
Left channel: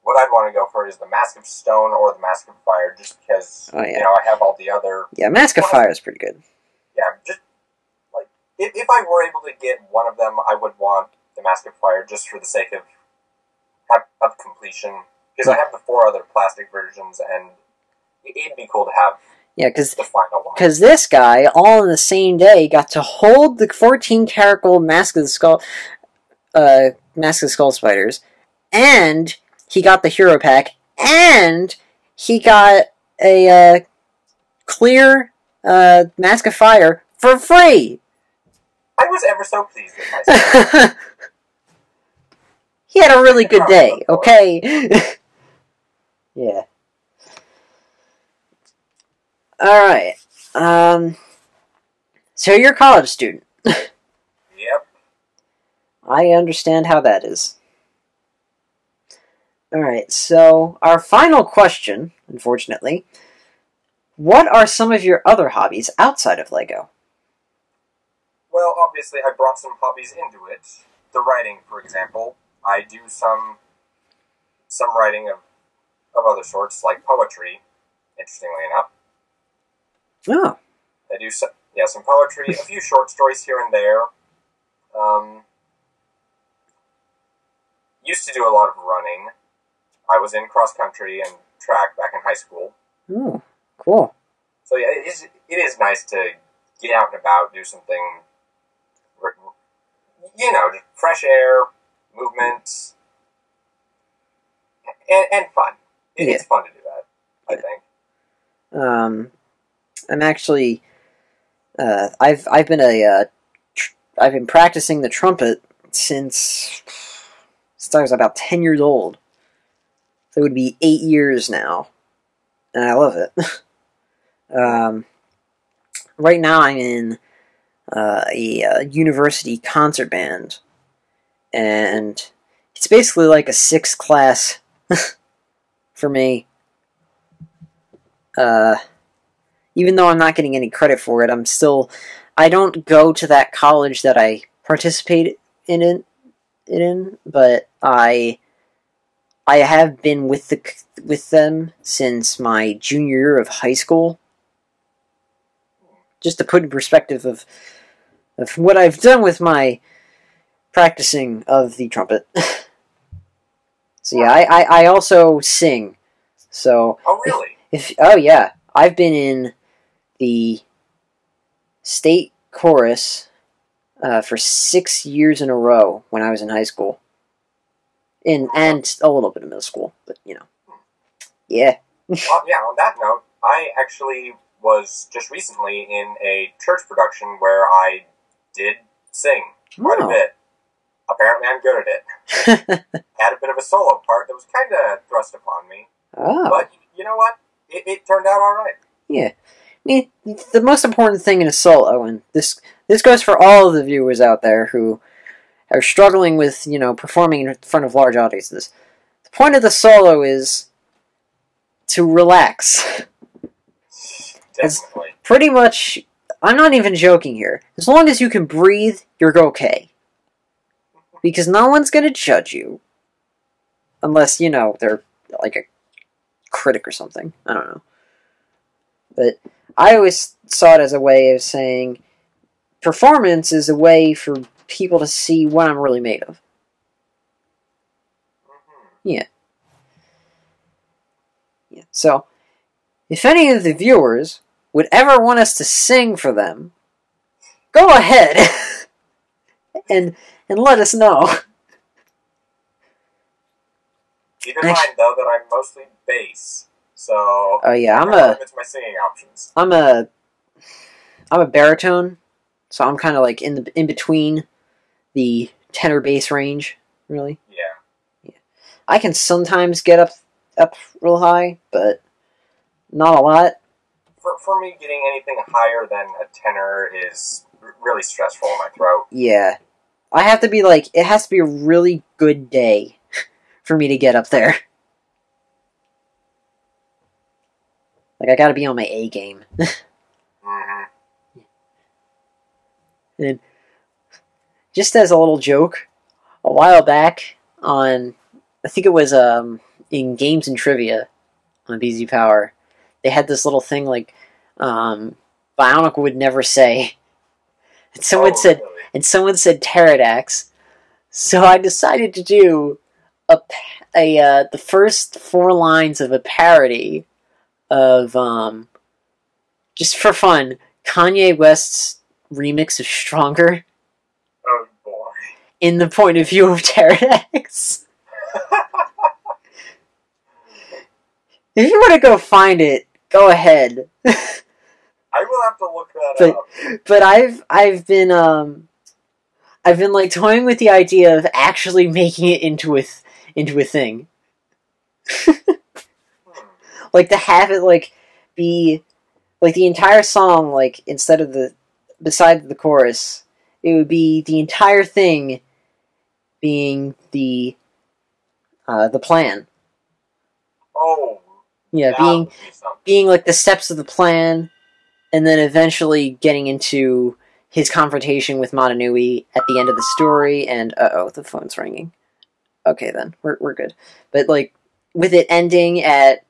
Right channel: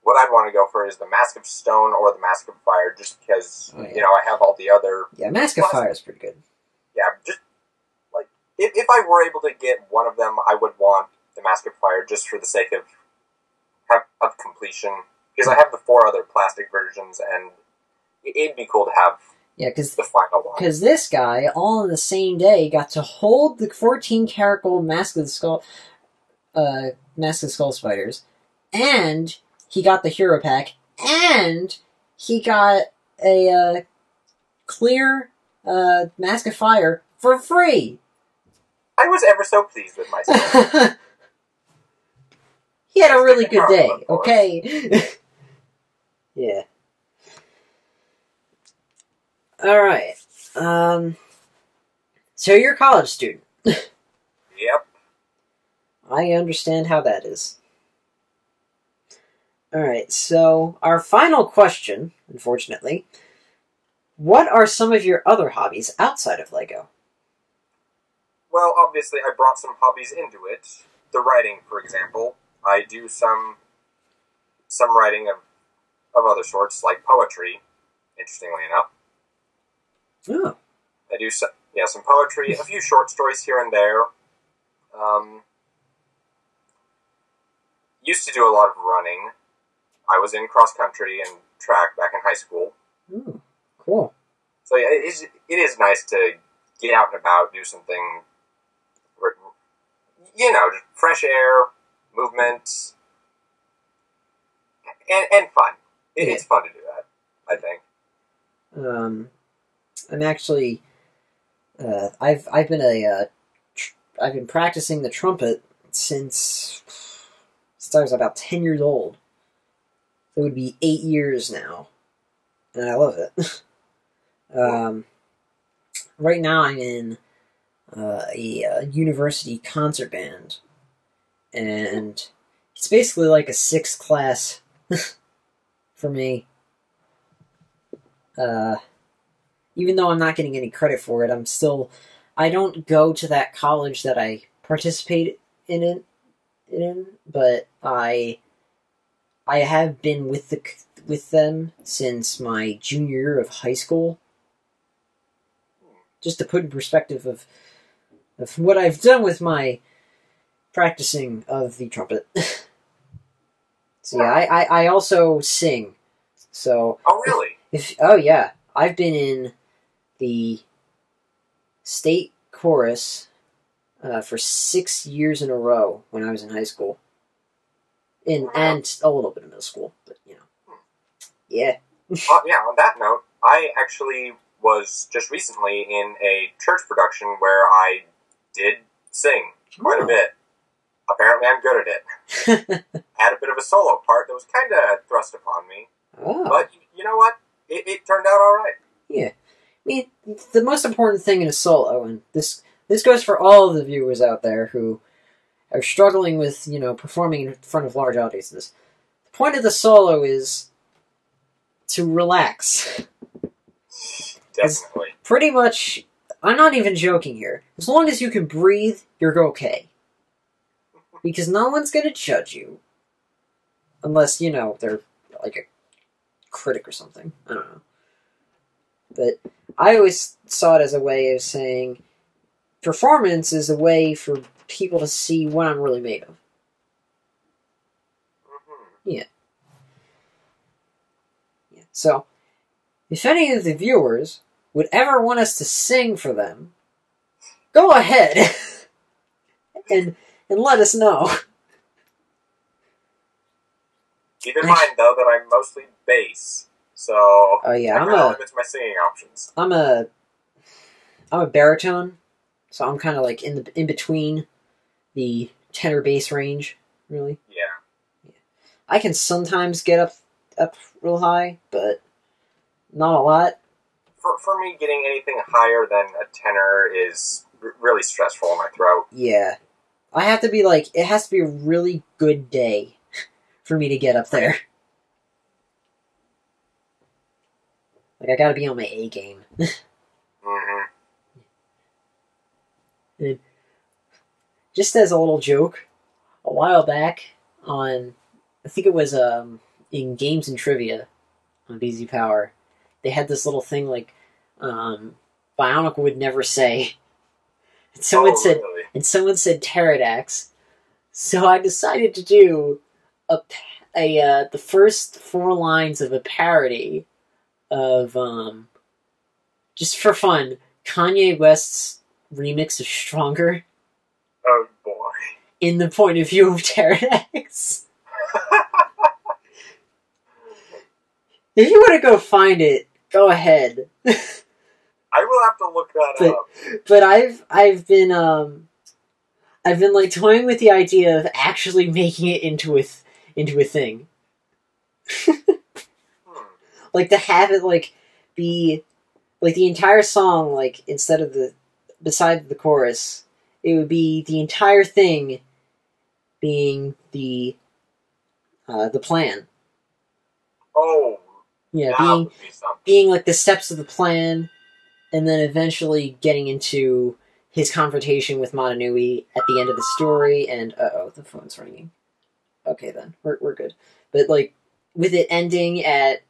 what I'd want to go for is the Mask of Stone or the Mask of Fire, just because, I have all the other... Yeah, Mask of Fire is pretty good. Yeah, just, like, if I were able to get one of them, I would want the Mask of Fire just for the sake of completion. Because I have the 4 other plastic versions, and it'd be cool to have the final one. Because this guy, all in the same day, got to hold the 14 karat gold Mask of the Skull Spiders, and he got the Hero Pack, and he got a clear Mask of Fire for free! I was ever so pleased with myself. He had a really good day, okay? Yeah. Alright. So you're a college student. Yep. I understand how that is. Alright, so our final question, unfortunately. What are some of your other hobbies outside of LEGO? well, obviously, I brought some hobbies into it. The writing, for example. I do some writing of other sorts, like poetry, interestingly enough. Oh. I do some poetry, a few short stories here and there. Used to do a lot of running. I was in cross country and track back in high school. Oh, cool. So yeah, it is nice to get out and about, do something, just fresh air, movement, and fun. It's fun to do that, I think. I'm actually, I've been practicing the trumpet since I was about 10 years old. So it would be 8 years now, and I love it. Right now I'm in a university concert band, and it's basically like a 6th class for me. Even though I'm not getting any credit for it, I don't go to that college that I participate in, but I have been with them since my junior year of high school. Just to put in perspective of what I've done with my practicing of the trumpet. So yeah, I also sing. So oh really? Oh yeah, I've been in the state chorus for 6 years in a row when I was in high school, and a little bit of middle school, but yeah. On that note, I actually was just recently in a church production where I did sing quite a bit. Apparently I'm good at it. Had a bit of a solo part that was kind of thrust upon me. Oh. But you know what? It turned out all right. Yeah. I mean, the most important thing in a solo, and this goes for all of the viewers out there who are struggling with, performing in front of large audiences. The point of the solo is to relax. Definitely. Pretty much, I'm not even joking here. As long as you can breathe, you're okay. Because no one's going to judge you. Unless, they're like a critic or something. I don't know. But I always saw it as a way of saying performance is a way for people to see what I'm really made of. Yeah. So, if any of the viewers would ever want us to sing for them, go ahead and let us know. Keep in mind, though, that I'm mostly bass, so oh yeah, I'm limits my singing options. I'm a baritone, so I'm kind of like in between the tenor bass range, really. Yeah. I can sometimes get up real high, but not a lot. For me, getting anything higher than a tenor is really stressful in my throat. Yeah. It has to be a really good day for me to get up there. I gotta be on my A game. Mm-hmm. And just as a little joke, a while back I think it was in Games and Trivia on BZ Power, they had this little thing Bionicle would never say. And someone said pterodax. So I decided to do the first 4 lines of a parody of just for fun, Kanye West's remix of Stronger. Oh boy. In the point of view of pterodax. If you want to go find it, go ahead. I will have to look that up. But I've been toying with the idea of actually making it into a thing. To have it be the entire song, instead of beside the chorus, it would be the entire thing being the plan. Oh. Yeah, being the steps of the plan, and then eventually getting into his confrontation with Motonui at the end of the story, and uh-oh, the phone's ringing. Okay, then. We're good. But, like, with it ending at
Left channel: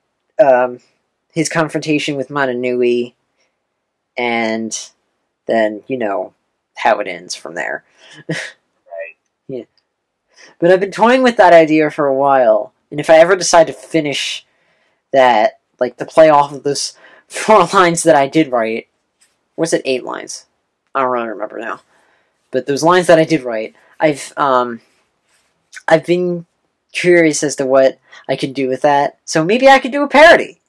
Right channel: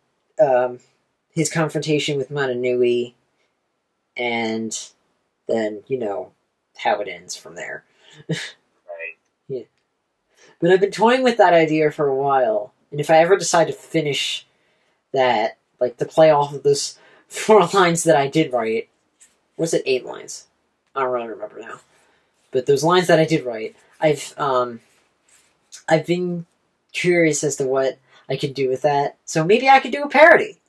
his confrontation with Motonui, and then, you know, how it ends from there. Right. Yeah. But I've been toying with that idea for a while, and if I ever decide to finish that, like, to play off of those 4 lines that I did write, was it 8 lines? I don't really remember now. But those lines that I did write, I've been curious as to what I could do with that. So maybe I could do a parody.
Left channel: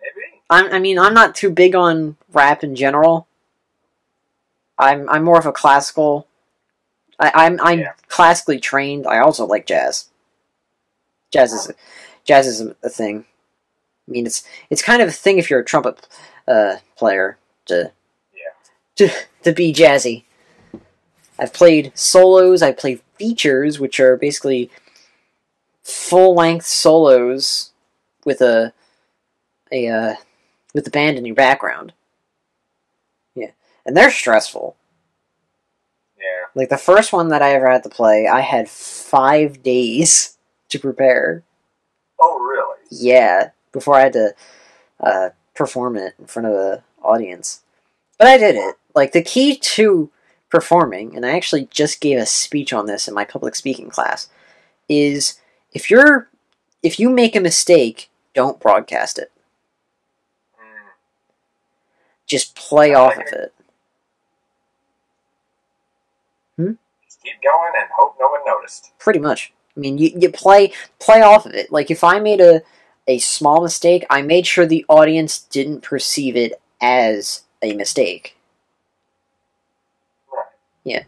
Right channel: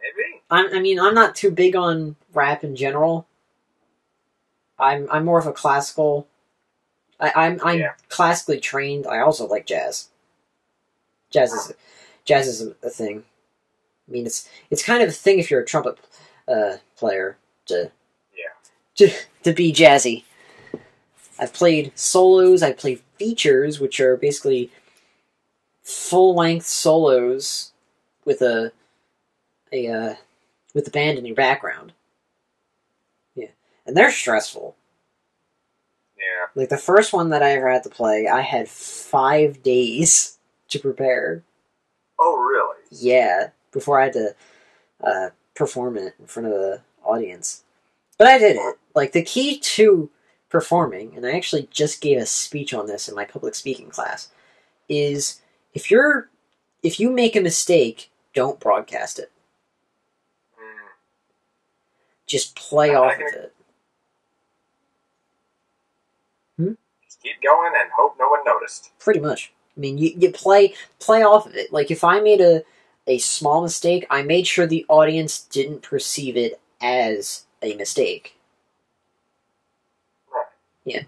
Maybe. I'm not too big on rap in general. I'm more of a classical. I'm classically trained. I also like jazz. Jazz is a thing. I mean, it's kind of a thing if you're a trumpet player to be jazzy. I've played solos. I've played features, which are basically full-length solos with a band in your background. Yeah, and they're stressful. Yeah. Like the first one that I ever had to play, I had 5 days to prepare. Oh, really? Yeah, before I had to perform it in front of the audience. But I did it. Like, the key to performing, and I actually just gave a speech on this in my public speaking class, is if you make a mistake, don't broadcast it. Just play off of it. Just keep going and hope no one noticed. Pretty much. I mean, you play off of it. Like, if I made a small mistake, I made sure the audience didn't perceive it as a mistake. Right. Yeah.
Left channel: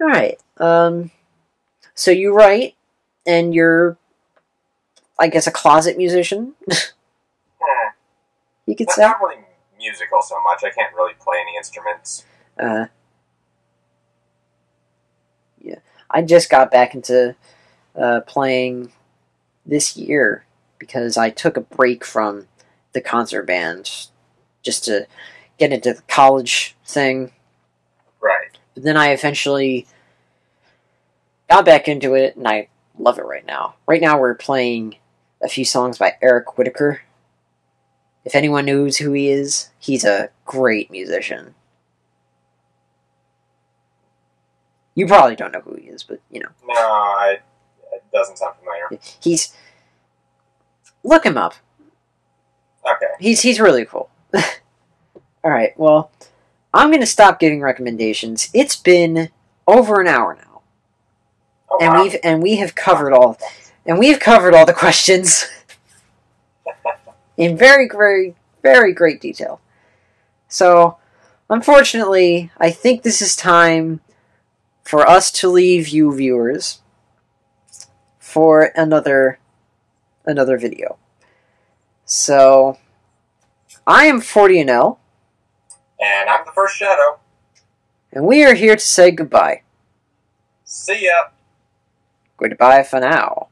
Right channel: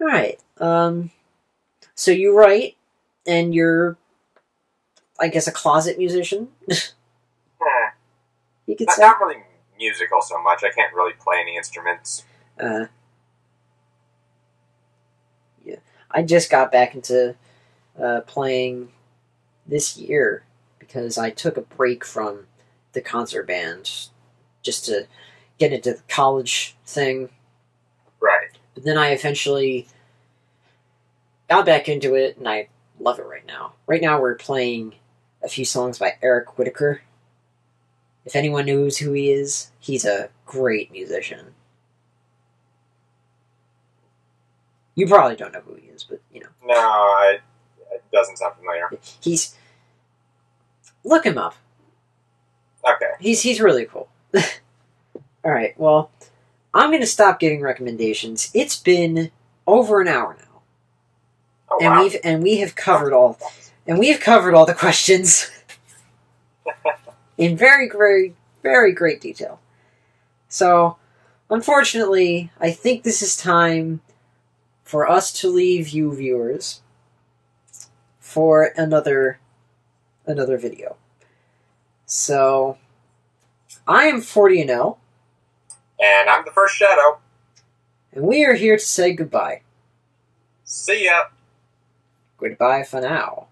Alright. So you write, and you're, I guess, a closet musician? You could say? Not really musical so much. I can't really play any instruments. Yeah. I just got back into playing this year because I took a break from the concert band just to get into the college thing. Right. But then I eventually got back into it, and I love it right now. Right now we're playing a few songs by Eric Whitacre. If anyone knows who he is, he's a great musician. You probably don't know who he is, but, you know. No, it doesn't sound familiar. Look him up. Okay. He's really cool. Alright, well, I'm going to stop giving recommendations. It's been over an hour now. Oh, and wow. we have covered all the questions in very, very, very great detail. So, unfortunately, I think this is time for us to leave you viewers for another video. So, I am 40NL. And I'm the first Shadow. And we are here to say goodbye. See ya. Goodbye for now.